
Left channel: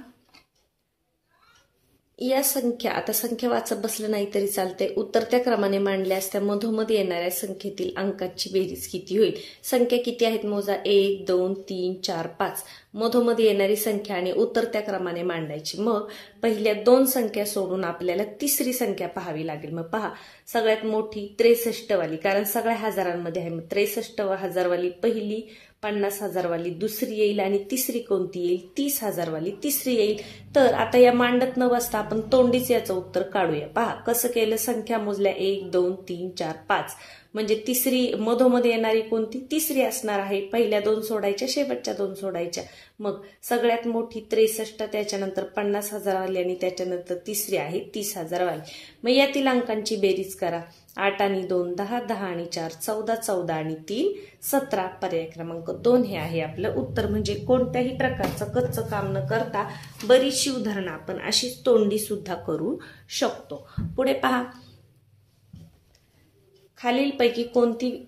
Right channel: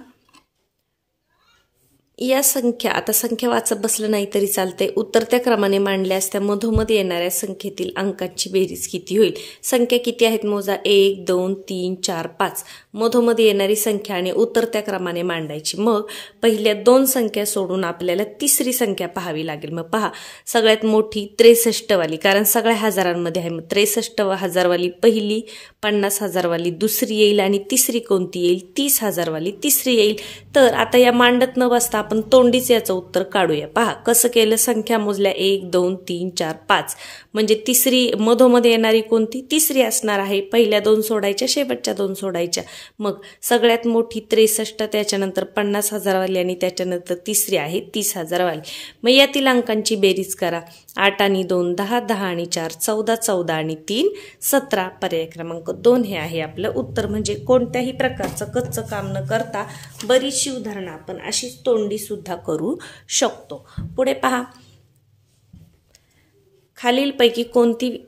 या संख्या, आता संख्या वाचत बसलं नाही तरी चालतंय, उतरत्या क्रमाने मांडल्यास त्या मधोमध येणाऱ्या संख्येतील अंकाची बेरीज किती होईल. संख्या किती आहेत मोजा. 1 2 3 4 5. मधोमध येणारी संख्या आणि उतरत्या क्रमाने मांडायची. मग पहिल्या 2 संख्या सोडून आपल्याला तिसरी संख्या पाहावी लागेल. मग पहा, सगळ्यात मोठी 63 वाली, कारण सगळ्या हजारांमध्ये आहे. मग 63,000 वाली पहिली, 50,000 वाली दुसरी येईल आणि तिसरी कोणती येईल 30,000 वाली तिसरी येईल. तर आता या मांडत न बसता आपण तोंडीच याचं उत्तर काढूया. पहा कसं केलं. संख्या मोजल्या 1 2 3 4 5 म्हणजे तिसरी मधोमध येणारी कोणती तिसरी असणार आहे. पहिल्या 2 सोडायच्या, शेवटच्या 2 सोडायच्या. मग सगळ्यात मोठी 63, त्याच्यानंतर 50,000 वाली आणि त्याच्यानंतर तिसरी आहे 30,000 वाली. मग यातील अंकांची बेरीज करा. 8 आणि 2 10, 10 आणि 4 14, 14 आणि 3 17. पर्याय क्रमांक 2 हे आहे आपलं उत्तर. म्हणजे कोणत्याही प्रकारचं कच्चं काम न करता बरीचशी उदाहरणं आपण अशीच तोंडी सुद्धा करू शकतो. पुढे पहा, खालीलपैकी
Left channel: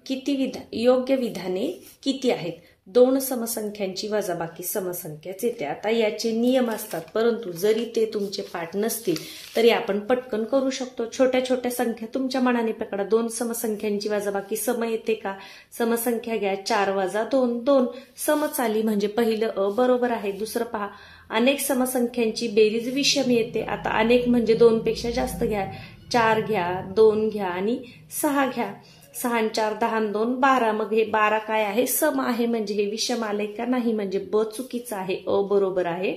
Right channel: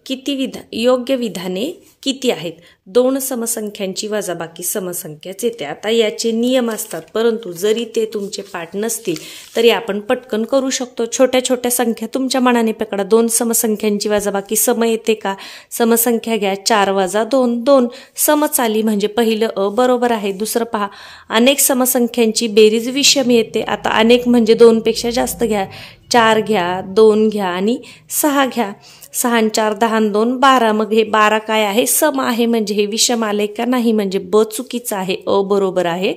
किती योग्य विधाने किती आहेत. 2 समसंख्यांची वजाबाकी समसंख्याच येते. आता याचे नियम असतात, परंतु जरी ते तुमचे पाठ नसतील तरी आपण पटकन करू शकतो. छोट्या छोट्या संख्या तुमच्या मनाने पकडा. 2 समसंख्यांची वजाबाकी सम येते का. समसंख्या घ्या, 4 वजा 2 2. समच आली म्हणजे पहिलं अ बरोबर आहे. दुसरं पहा, अनेक समसंख्यांची बेरीज विषम येते. आता अनेक म्हणजे 2 पेक्षा जास्त घ्या. 4 घ्या, 2 घ्या आणि 6 घ्या. 6 आणि 4 10 आणि 2 12. मग हे 12 काय आहे सम आहे म्हणजे हे विषम आले का नाही म्हणजे ब चुकीचं आहे, अ बरोबर आहे.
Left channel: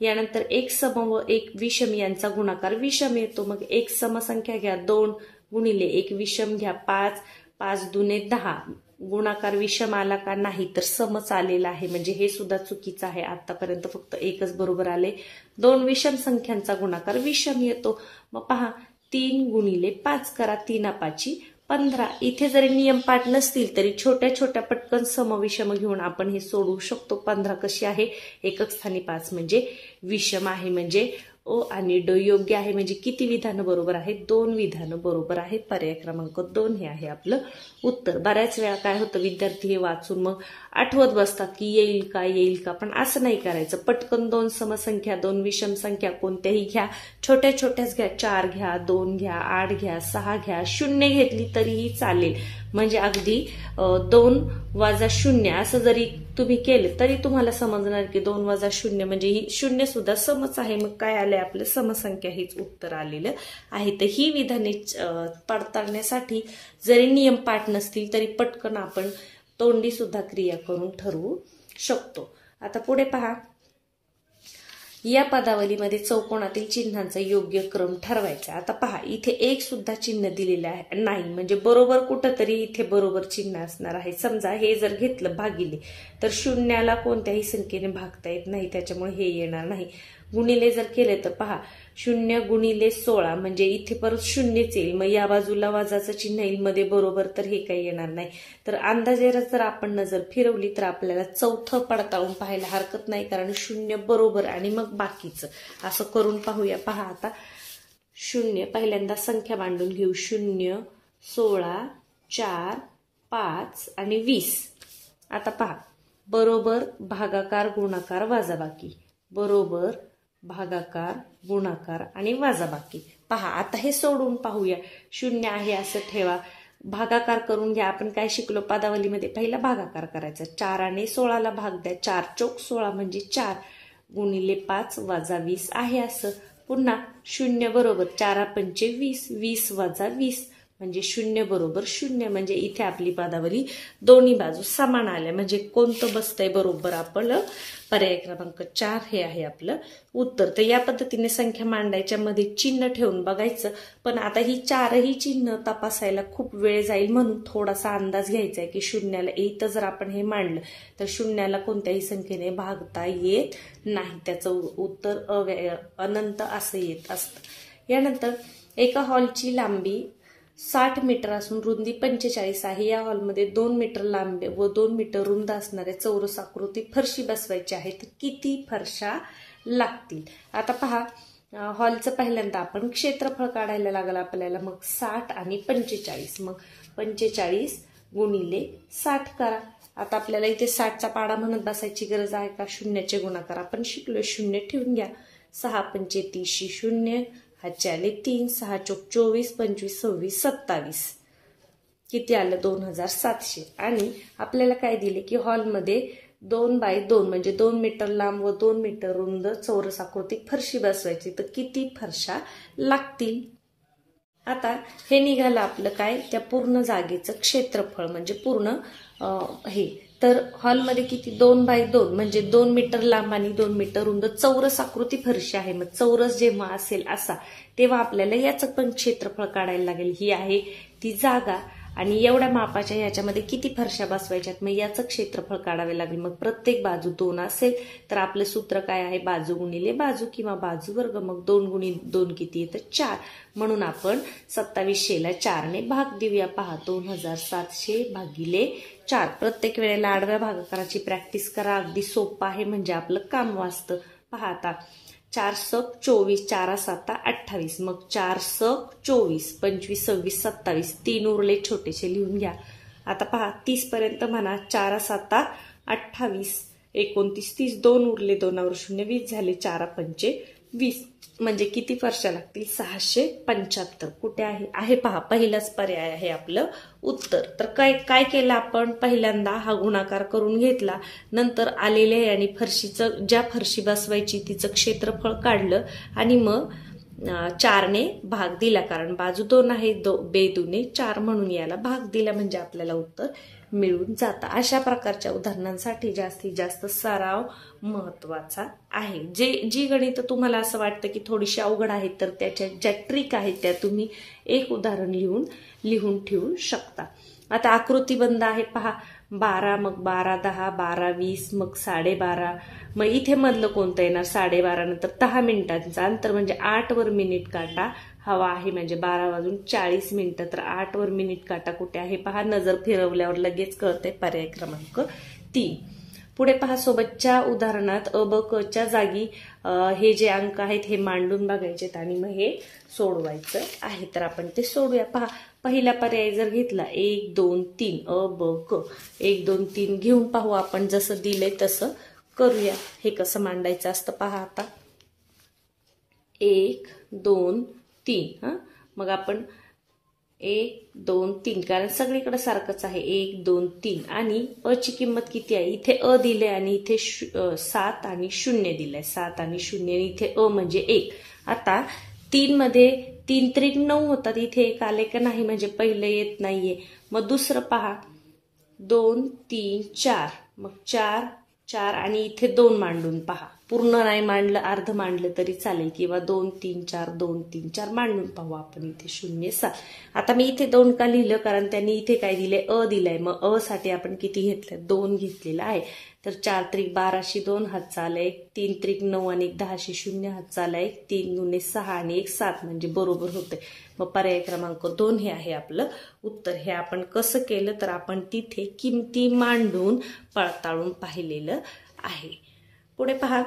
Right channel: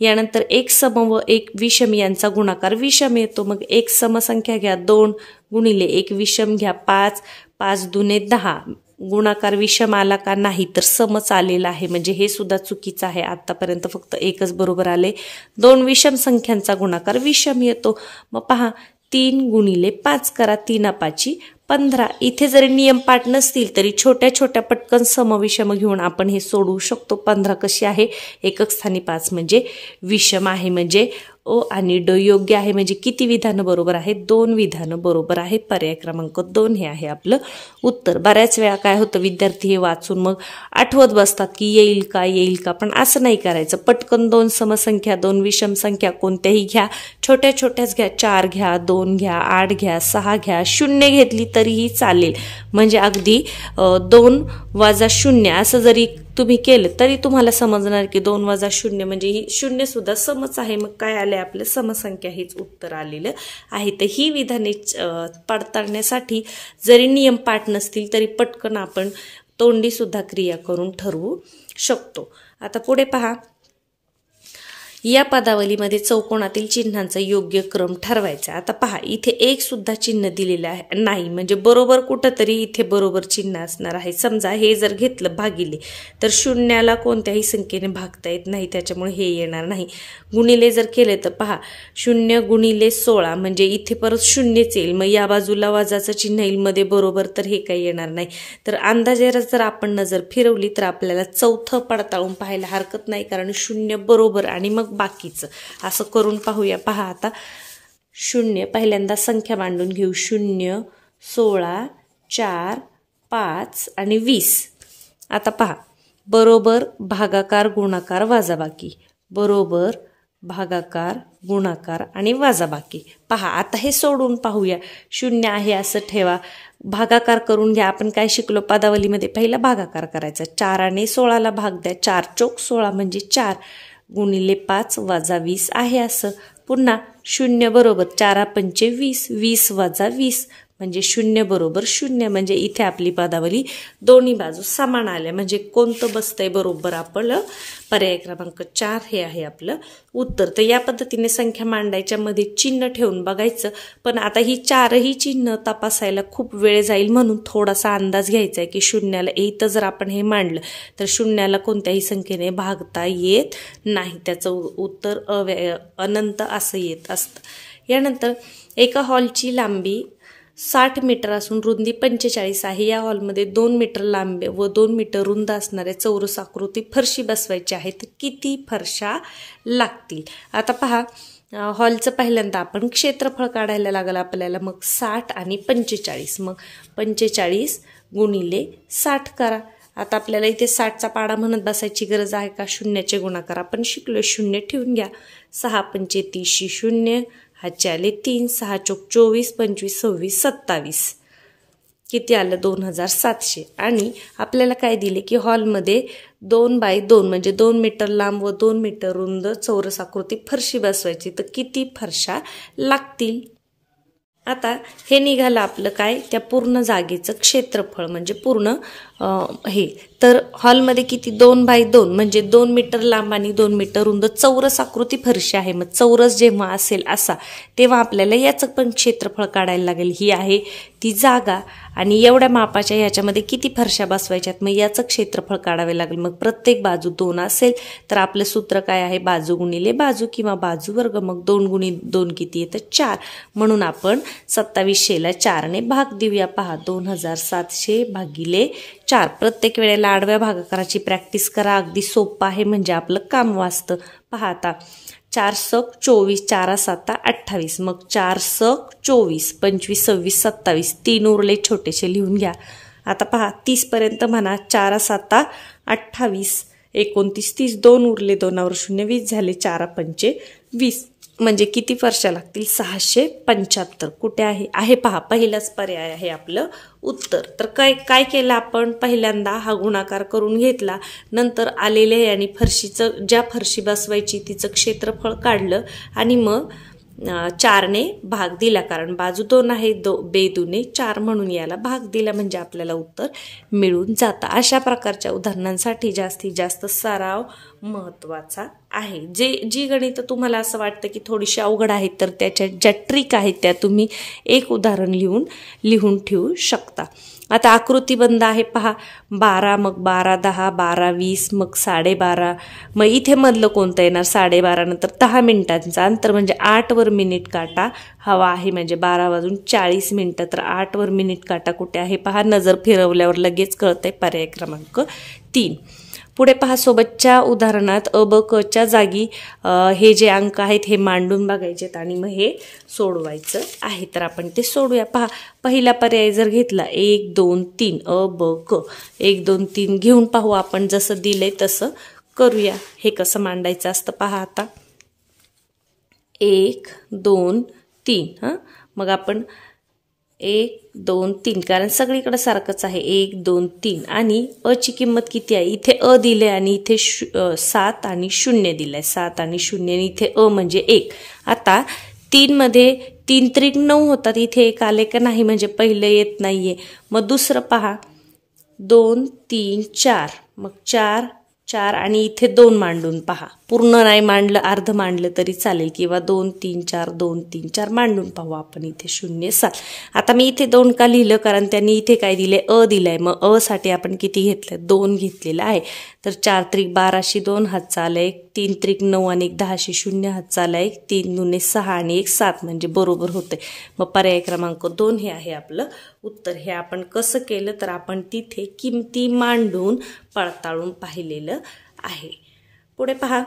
यानंतर 1 सम व 1 विषम यांचा गुणाकार विषम येतो. मग 1 समसंख्या घ्या, 2 गुणिले 1 विषम घ्या, 5 5 दुने 10. गुणाकार विषम आला का नाही तर समच आलेला आहे म्हणजे हे सुद्धा चुकीचं आहे. आतापर्यंत फक्त एकच बरोबर आले. 2 विषम संख्यांचा गुणाकार विषम येतो. मग पहा 3 गुणिले 5 करा, 3 5 15. इथे जरी नियम पाठ नसतील तरी छोट्या छोट्या पटकन समविषम घेऊन आपण हे सोडवू शकतो. 15 कशी आहे एकक स्थानी 5 म्हणजे विषम आहे म्हणजे ओ आणि ड योग्य आहे. म्हणजे किती विधानं बरोबर आहेत 2 विधानं बरोबर आहेत. पर्याय क्रमांक 2 हे आहे आपलं उत्तर. बऱ्याच वेळा काय होतं विद्यार्थी हे वाचून मग आठवत बसतात की येईल का पण असं नाही करायचं. पटकन 2 समसंख्या 2 विषम संख्या कोणत्याही घ्या, छोट्या छोट्याच घ्या. 4 घ्या, 2 घ्या, 8 घ्या, 6 घ्या, 0 घेतली तरीही चालेल. म्हणजे अगदी 2 वजा 0 असं जरी तुम्ही केलं तरी तुम्हाला समजणार की 2 वजा 0 म्हणजे ही 0 सुद्धा समच आहे. मग काय आले आपलं समसंख्या हेच उत्तर आलेलं आहे. तर ही विधाने पडताळण्यासाठी जरी नियम पाठ नसतील तरी पटकन आपण तोंडी सुद्धा क्रिया करून ठरवू शकतो. आता पुढे पहा, या पदावलीमध्ये चौकोनातील चिन्हांचा योग्य क्रम ठरवायचा। आता पहा, इथे एक सुद्धा चिन्ह दिलेलं आहे नाही, म्हणजे बरोबर कुठंतरी इथे बरोबर चिन्ह असणार आहे। समजा हे जर घेतलं भागिले, तर शून्याला कोणत्याही संख्येने भागता येत नाही, त्याच्यामुळे हे येणार नाही। गुणिले जर केले तर पहा, 0 गुणिले 16 म्हणजे इथे परत शून्यच येईल, मग या बाजूला वजाचं चिन्ह येईल मध्ये बरोबर, तर हे काही येणार नाही। तर अंदाजे जर आपण नजर फिरवली तर आपल्याला चौथं पडताळून पाहायला हरकत नाही, कारण 0 बरोबर आणि मग बाकीचं असं करून पाहूया। पहा आता 0 पहिल्यांदा संख्या मांडून घेऊ, 0 16 4 5 आणि 20। आता पहा, बरोबर भागाकार गुणाकार वजाबाकी, बरोबर भागाकार गुणाकार आणि वजाबाकी। पहा आता हे सोडून पाहूया, 0 आहे असं ठेवा, भागाकार करून घ्या। आपण काय शिकलो पदावलीमध्ये, पहिला भागाकार करायचा, 4 ने 16ला भाग द्या, 4 चौक 16 म्हणजे 4 गुणिले 5 वजा 20 आहे असं। पुन्हा 0 बरोबर 4 पंचे 20, 20 वजा 20 म्हणजे 0 बरोबर 0, म्हणजे इथे आपली पदावली दोन्ही बाजू समान आल्या, म्हणजे कोणतं बसतंय बरोबर आपलं, पर्याय क्रमांक 4 हे आहे आपलं उत्तर। तर या पद्धतीने संख्या मांडायच्या मध्ये चिन्ह ठेवून बघायचं, पण आता ही 4ही चिन्ह तपासायला खूप वेळ जाईल, म्हणून थोडासा अंदाज घ्यायचा आहे की 0ला इथं जर आपण हे मांडलं तर 0ला कोणत्याही संख्येने भागता येत नाही, त्याचं उत्तर अनंत असं येत असतं। यानंतर एका हॉलची लांबी 60 मीटर असून रुंदी 45 आहे। या हॉलमध्ये 2 मीटर लांब व 2 मीटर रुंद असणाऱ्या चौरस आकृती फरशी बसवायची आहे, तर किती फरशा लागतील? आता पहा, हॉलचं पहिल्यांदा आपण क्षेत्रफळ काढायला लागलं आपल्याला, मग 60 आणि 45, मग 45 गुणिले 60 करा। आता आपल्याला इथे 60चा पाडा म्हणत बसायची गरज आहे का? शून्याचे गुणाकार आपण शिकलो, 0 ठेवून घ्या, 6 पंचे 30 0, हातचे आले 3, 6 चौक 24 25 26 27, किती आलं? 2700। आणि आपल्याला काय दिले की हॉलमध्ये 2 बाय 2 म्हणजे 2 मीटर लांब व 2 मीटर रुंद चौरस आकृती फरशी बसवायची, तर किती फरशा लागतील? आता हे निघालं आपलं काय, त्या पूर्ण जागेचं क्षेत्रफळ, म्हणजे पूर्ण हे। तर हॉलमध्ये किती? 2 बाय 2 म्हणजे 2 मीटर लांब आणि 2 मीटर रुंद चौरस आकृती फरशी आहे। मग चौरस जेव्हा असेल असा, तेव्हा आपल्याला याचं पण क्षेत्रफळ काढायला लागेल। ही आहे ती जागा आणि एवढ्या मापाच्या ह्याच्यामध्ये किती फरशा बसवायच्यात, मग याचं क्षेत्रफळ काढावे लागेल। मग प्रत्येक बाजू 2 असेल तर आपलं सूत्र काय आहे? बाजू गुणिले बाजू किंवा बाजू वर्ग, मग 2 गुणिले 2 किती येतं? 4, म्हणून आपण 2700ला 4 ने भाग देऊया। पहा, 2700 भागिले 4। प्रत्येक वेळेला आडव्या भागाकाराची प्रॅक्टिस करा, अगदी सोपं आहे, म्हणजे आपलं काम वाचतं। पहा आता 4 सक 24, 4 7 28, मग 4 सक 24 25 26 27, 3 उरले छोटेसे लिहून घ्या। आता पहा 30 पर्यंत म्हणा, 4 7 28 29 30, 2 उरले, 2 वर 0 20 झाले, 4 पंचे 20 म्हणजे किती फरशा लागतील? 675। कुठे आहे? आहे पहा, पहिलाच पर्याय आहे आपलं उत्तर। तर काय केलं आपण? पहिल्यांदा हा गुणाकार करून घेतला, नंतर आलेल्या आणि फरशीचं, ज्या फरशी बसवायची तिचं क्षेत्रफळ काढलं आणि मग 4 ने भाग दिला, कारण बाजू 2 आहे, बेदुने 4 म्हणून याला भाग दिला, म्हणजे आपल्याला उत्तर मिळून जातं। अशा प्रकारच्या उदाहरणांसाठी जास्तीत जास्त सराव महत्त्वाचा आहे। जी गणितं तुम्हाला असं वाटतं की थोडीशी अवघड आहेत, तर त्याच्या ज्या ट्रिक आहेत त्या तुम्ही एक उदाहरण लिहून ठेवू शकता। आता आकृतीबंध आहे पहा, 12, मग 12 10 12 20, मग 12:30, मग इथे मधलं कोणतं येणार? 12:30 नंतर 10 मिनिटांचं अंतर, म्हणजे 8 वर मिनिट काटा हवा आहे, म्हणजे 12 वाजून 40 मिनिटं, तर 8 वर मिनिट काटा कुठे आहे? पहा, नजर फिरवल्यावर लगेच कळतंय, पर्याय क्रमांक 3। पुढे पहा, सोबतच्या उदाहरणात अ ब क च्या जागी हे जे अंक आहेत हे मांडून बघायचेत आणि मग हे सोडवायचं आहे, तर आपण ते सोडूया। पहा, पहिला पर्याय जर घेतला 1 2 3 अ ब क, 1 2 3 घेऊन पाहू आपण, जसं दिलंय तसं करूया। हे कसं मांडायचं असतं पहा, आता 1 2 3, मग आपण 1 2 3, कारण सगळीकडे सारखंच आहे, 1 2 3, आणि अ ची किंमत किती आहे? इथे अ दिले आणि इथे 7 आणि 0 दिलाय, 7 आणि 0, आणि इथे अ म्हणजे 1। आता 3 मध्ये 3 त्रिक 9 होतात, इथे 1 आले का नाही? म्हणजे पहिलं येत नाहीये। मग दुसरं पहा, 2 3 4, मग 4 4 आणि इथे 2 मांडून पहा. पूर्ण नाही मांडलं, अर्ध मांडलं तरी चालेल, किंवा 2 3 4 2 3 4 मांडून पाहू आपण. इथे 0 7. आता मी इथे 2 का लिहिलं, कारण त्यांनी इथे काय दिले, अ दिलाय. मग अ साठी आपण किती घेतलं, 2 घेतलेला आहे. तर 4 त्रिक 12 2 हातचा आला 1, 3 त्रिक 9 आणि 1 10 0 हातचा आला 1, 3 दुने 6 आणि 1 7, म्हणजे बरोबर होते. मग पर्याय क्रमांक 2 हे आहे आपलं उत्तर. हे आपण कसं केलं, तर आपण तिथे किमती मांडून पडताळून पाहिलेलं आहे. पुढे पहा,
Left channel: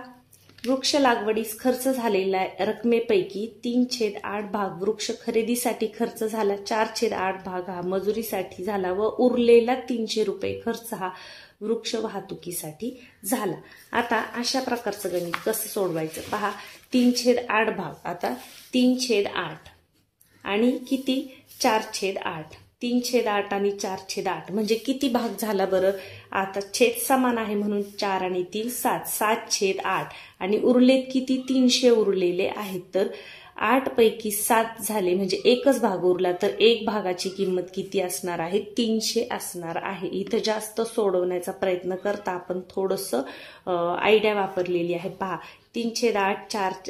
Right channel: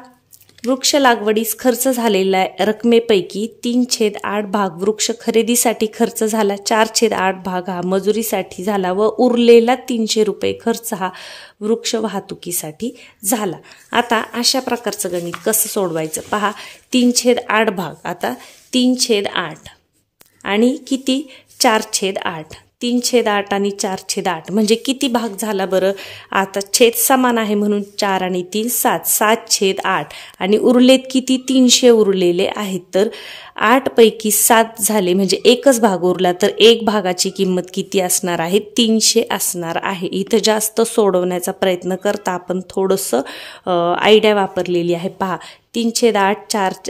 वृक्ष लागवडीस खर्च झालेल्या रकमेपैकी 3/8 भाग वृक्ष खरेदीसाठी खर्च झाला, 4/8 भाग हा मजुरीसाठी झाला व उरलेला 300 रुपये खर्च हा वृक्ष वाहतुकीसाठी झाला. आता अशा प्रकारचं गणित कसं सोडवायचं पहा. 3/8 भाग, आता 3/8 आणि किती, 4/8. 3/8 आणि 4/8 म्हणजे किती भाग झाला बरं. आता छेद समान आहे म्हणून 4 आणि 3 7, 7/8 आणि उरलेत किती, 300 उरलेले आहेत. तर 8 पैकी 7 झाले, म्हणजे एकच भाग उरला. तर एक भागाची किंमत किती असणार आहे, 300 असणार आहे. इथं जास्त सोडवण्याचा प्रयत्न करता आपण थोडंसं आयडिया वापरलेली आहे. पहा, 3/8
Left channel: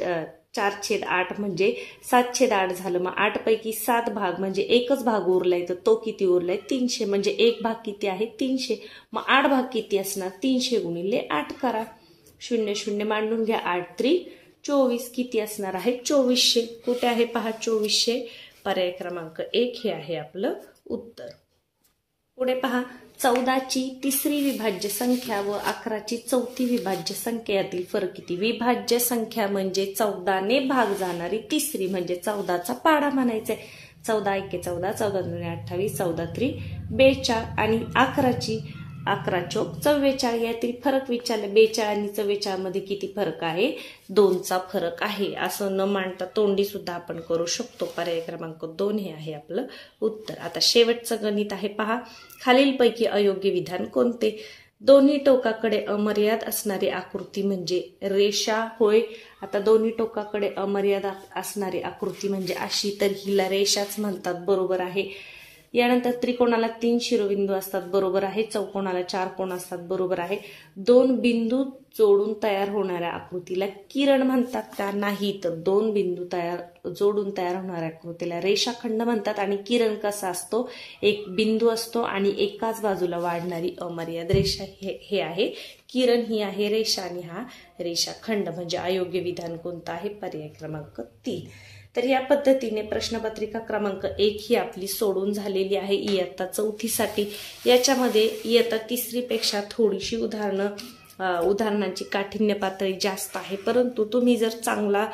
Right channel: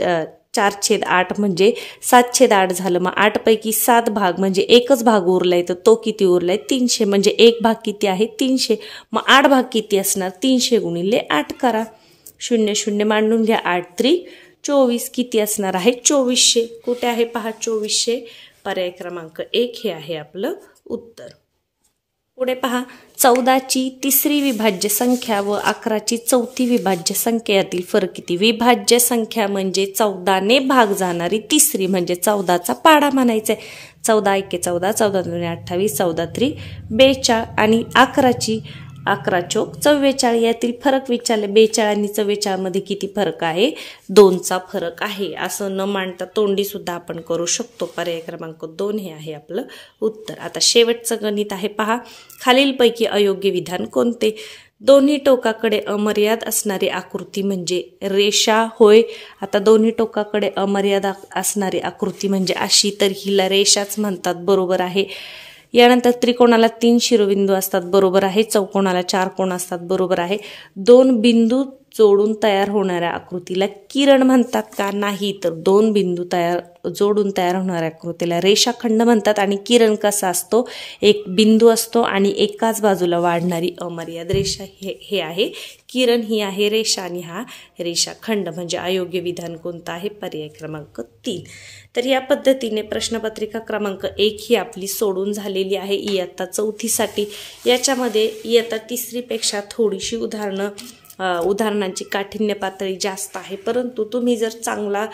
4/8 म्हणजे 7/8 झालं. मग 8 पैकी 7 भाग म्हणजे एकच भाग उरलाय, तर तो किती उरलाय, 300. म्हणजे एक भाग किती आहे, 300. मग 8 भाग किती असणार, 300 गुणिले 8 करा. 0 0 मांडून घ्या. 8 त्रिक 24 किती असणार आहे, 2400. कुठे आहे पहा 2400. पर्याय क्रमांक 1 हे आहे आपलं उत्तर. पुढे पहा, 14ची तिसरी विभाज्य संख्या व 11ची चौथी विभाज्य संख्या यातील फरक किती. विभाज्य संख्या म्हणजे 14ने भाग जाणारी तिसरी, म्हणजे 14चा पाडा म्हणायचा आहे. 14 1 14, 14 2 28, 14 3 42 आणि 11ची 11 चौक 44. यातील फरक विचारले. 42 आणि 44 मध्ये किती फरक आहे, 2चा फरक आहे. असं न मांडता तोंडी सुद्धा आपण करू शकतो. पर्याय क्रमांक 2 हे आहे आपलं उत्तर. आता शेवटचं गणित आहे पहा, खालीलपैकी अयोग्य विधान कोणते. दोन्ही टोकाकडे अमर्याद असणारी आकृती म्हणजे रेषा होय. आता दोन्ही टोकाकडे अमर्याद असणारी आकृती म्हणजे अशी, तर हिला रेषाच म्हणतात, बरोबर आहे. यानंतर त्रिकोणाला 3 शिरोबिंदू असतात, बरोबर आहे. चौकोनाला 4 कोण असतात, बरोबर आहे. 2 बिंदू जोडून तयार होणाऱ्या आकृतीला किरण म्हणतात का, नाही. तर 2 बिंदू जोडून तयार होणाऱ्या आकृतीला रेषाखंड म्हणतात. आणि किरण कसा असतो, एक बिंदू असतो आणि एकाच बाजूला वाढणारी अमर्याद रेषा हे आहे किरण, ही आहे रेषा आणि हा रेषाखंड. म्हणजे अयोग्य विधान कोणतं आहे, पर्याय क्रमांक 3. तर या पद्धतीने प्रश्नपत्रिका क्रमांक 1 ही आपली सोडून झालेली आहे इयत्ता 4थीसाठी. याच्यामध्ये इयत्ता 3री पेक्षा थोडीशी उदाहरणांची काठिण्य पातळी जास्त आहे. परंतु तुम्ही जर चांगला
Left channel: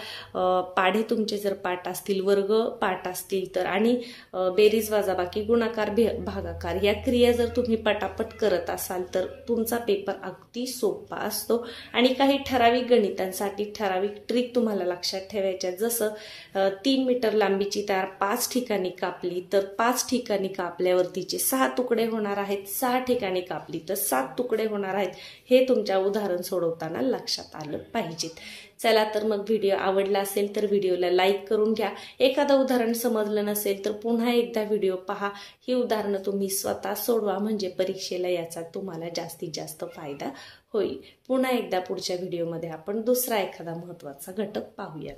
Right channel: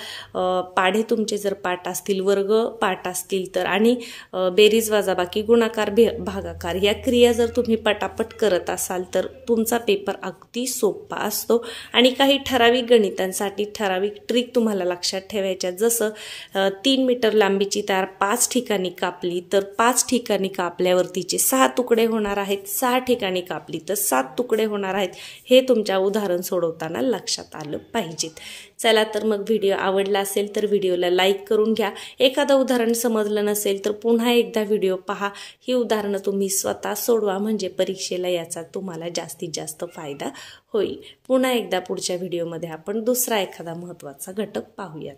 पाढे तुमचे जर पाठ असतील, वर्ग पाठ असतील तर, आणि बेरीज वजाबाकी गुणाकार भागाकार या क्रिया जर तुम्ही पटापट करत असाल तर तुमचा पेपर अगदी सोपा असतो. आणि काही ठराविक गणितांसाठी ठराविक ट्रिक तुम्हाला लक्षात ठेवायच्या. जसं 3 मीटर लांबीची तार 5 ठिकाणी कापली तर 5 ठिकाणी कापल्यावर तिचे 6 तुकडे होणार आहेत, 6 ठिकाणी कापली तर 7 तुकडे होणार आहेत. हे तुमच्या उदाहरण सोडवताना लक्षात आलं पाहिजेत. चला तर मग व्हिडिओ आवडला असेल तर व्हिडिओला लाईक करून घ्या. एखादं उदाहरण समजलं नसेल तर पुन्हा एकदा व्हिडिओ पहा. ही उदाहरणं तुम्ही स्वतः सोडवा, म्हणजे परीक्षेला याचा तुम्हाला जास्तीत जास्त फायदा होईल. पुन्हा एकदा पुढच्या व्हिडिओमध्ये आपण दुसरा एखादा महत्त्वाचा घटक पाहूया.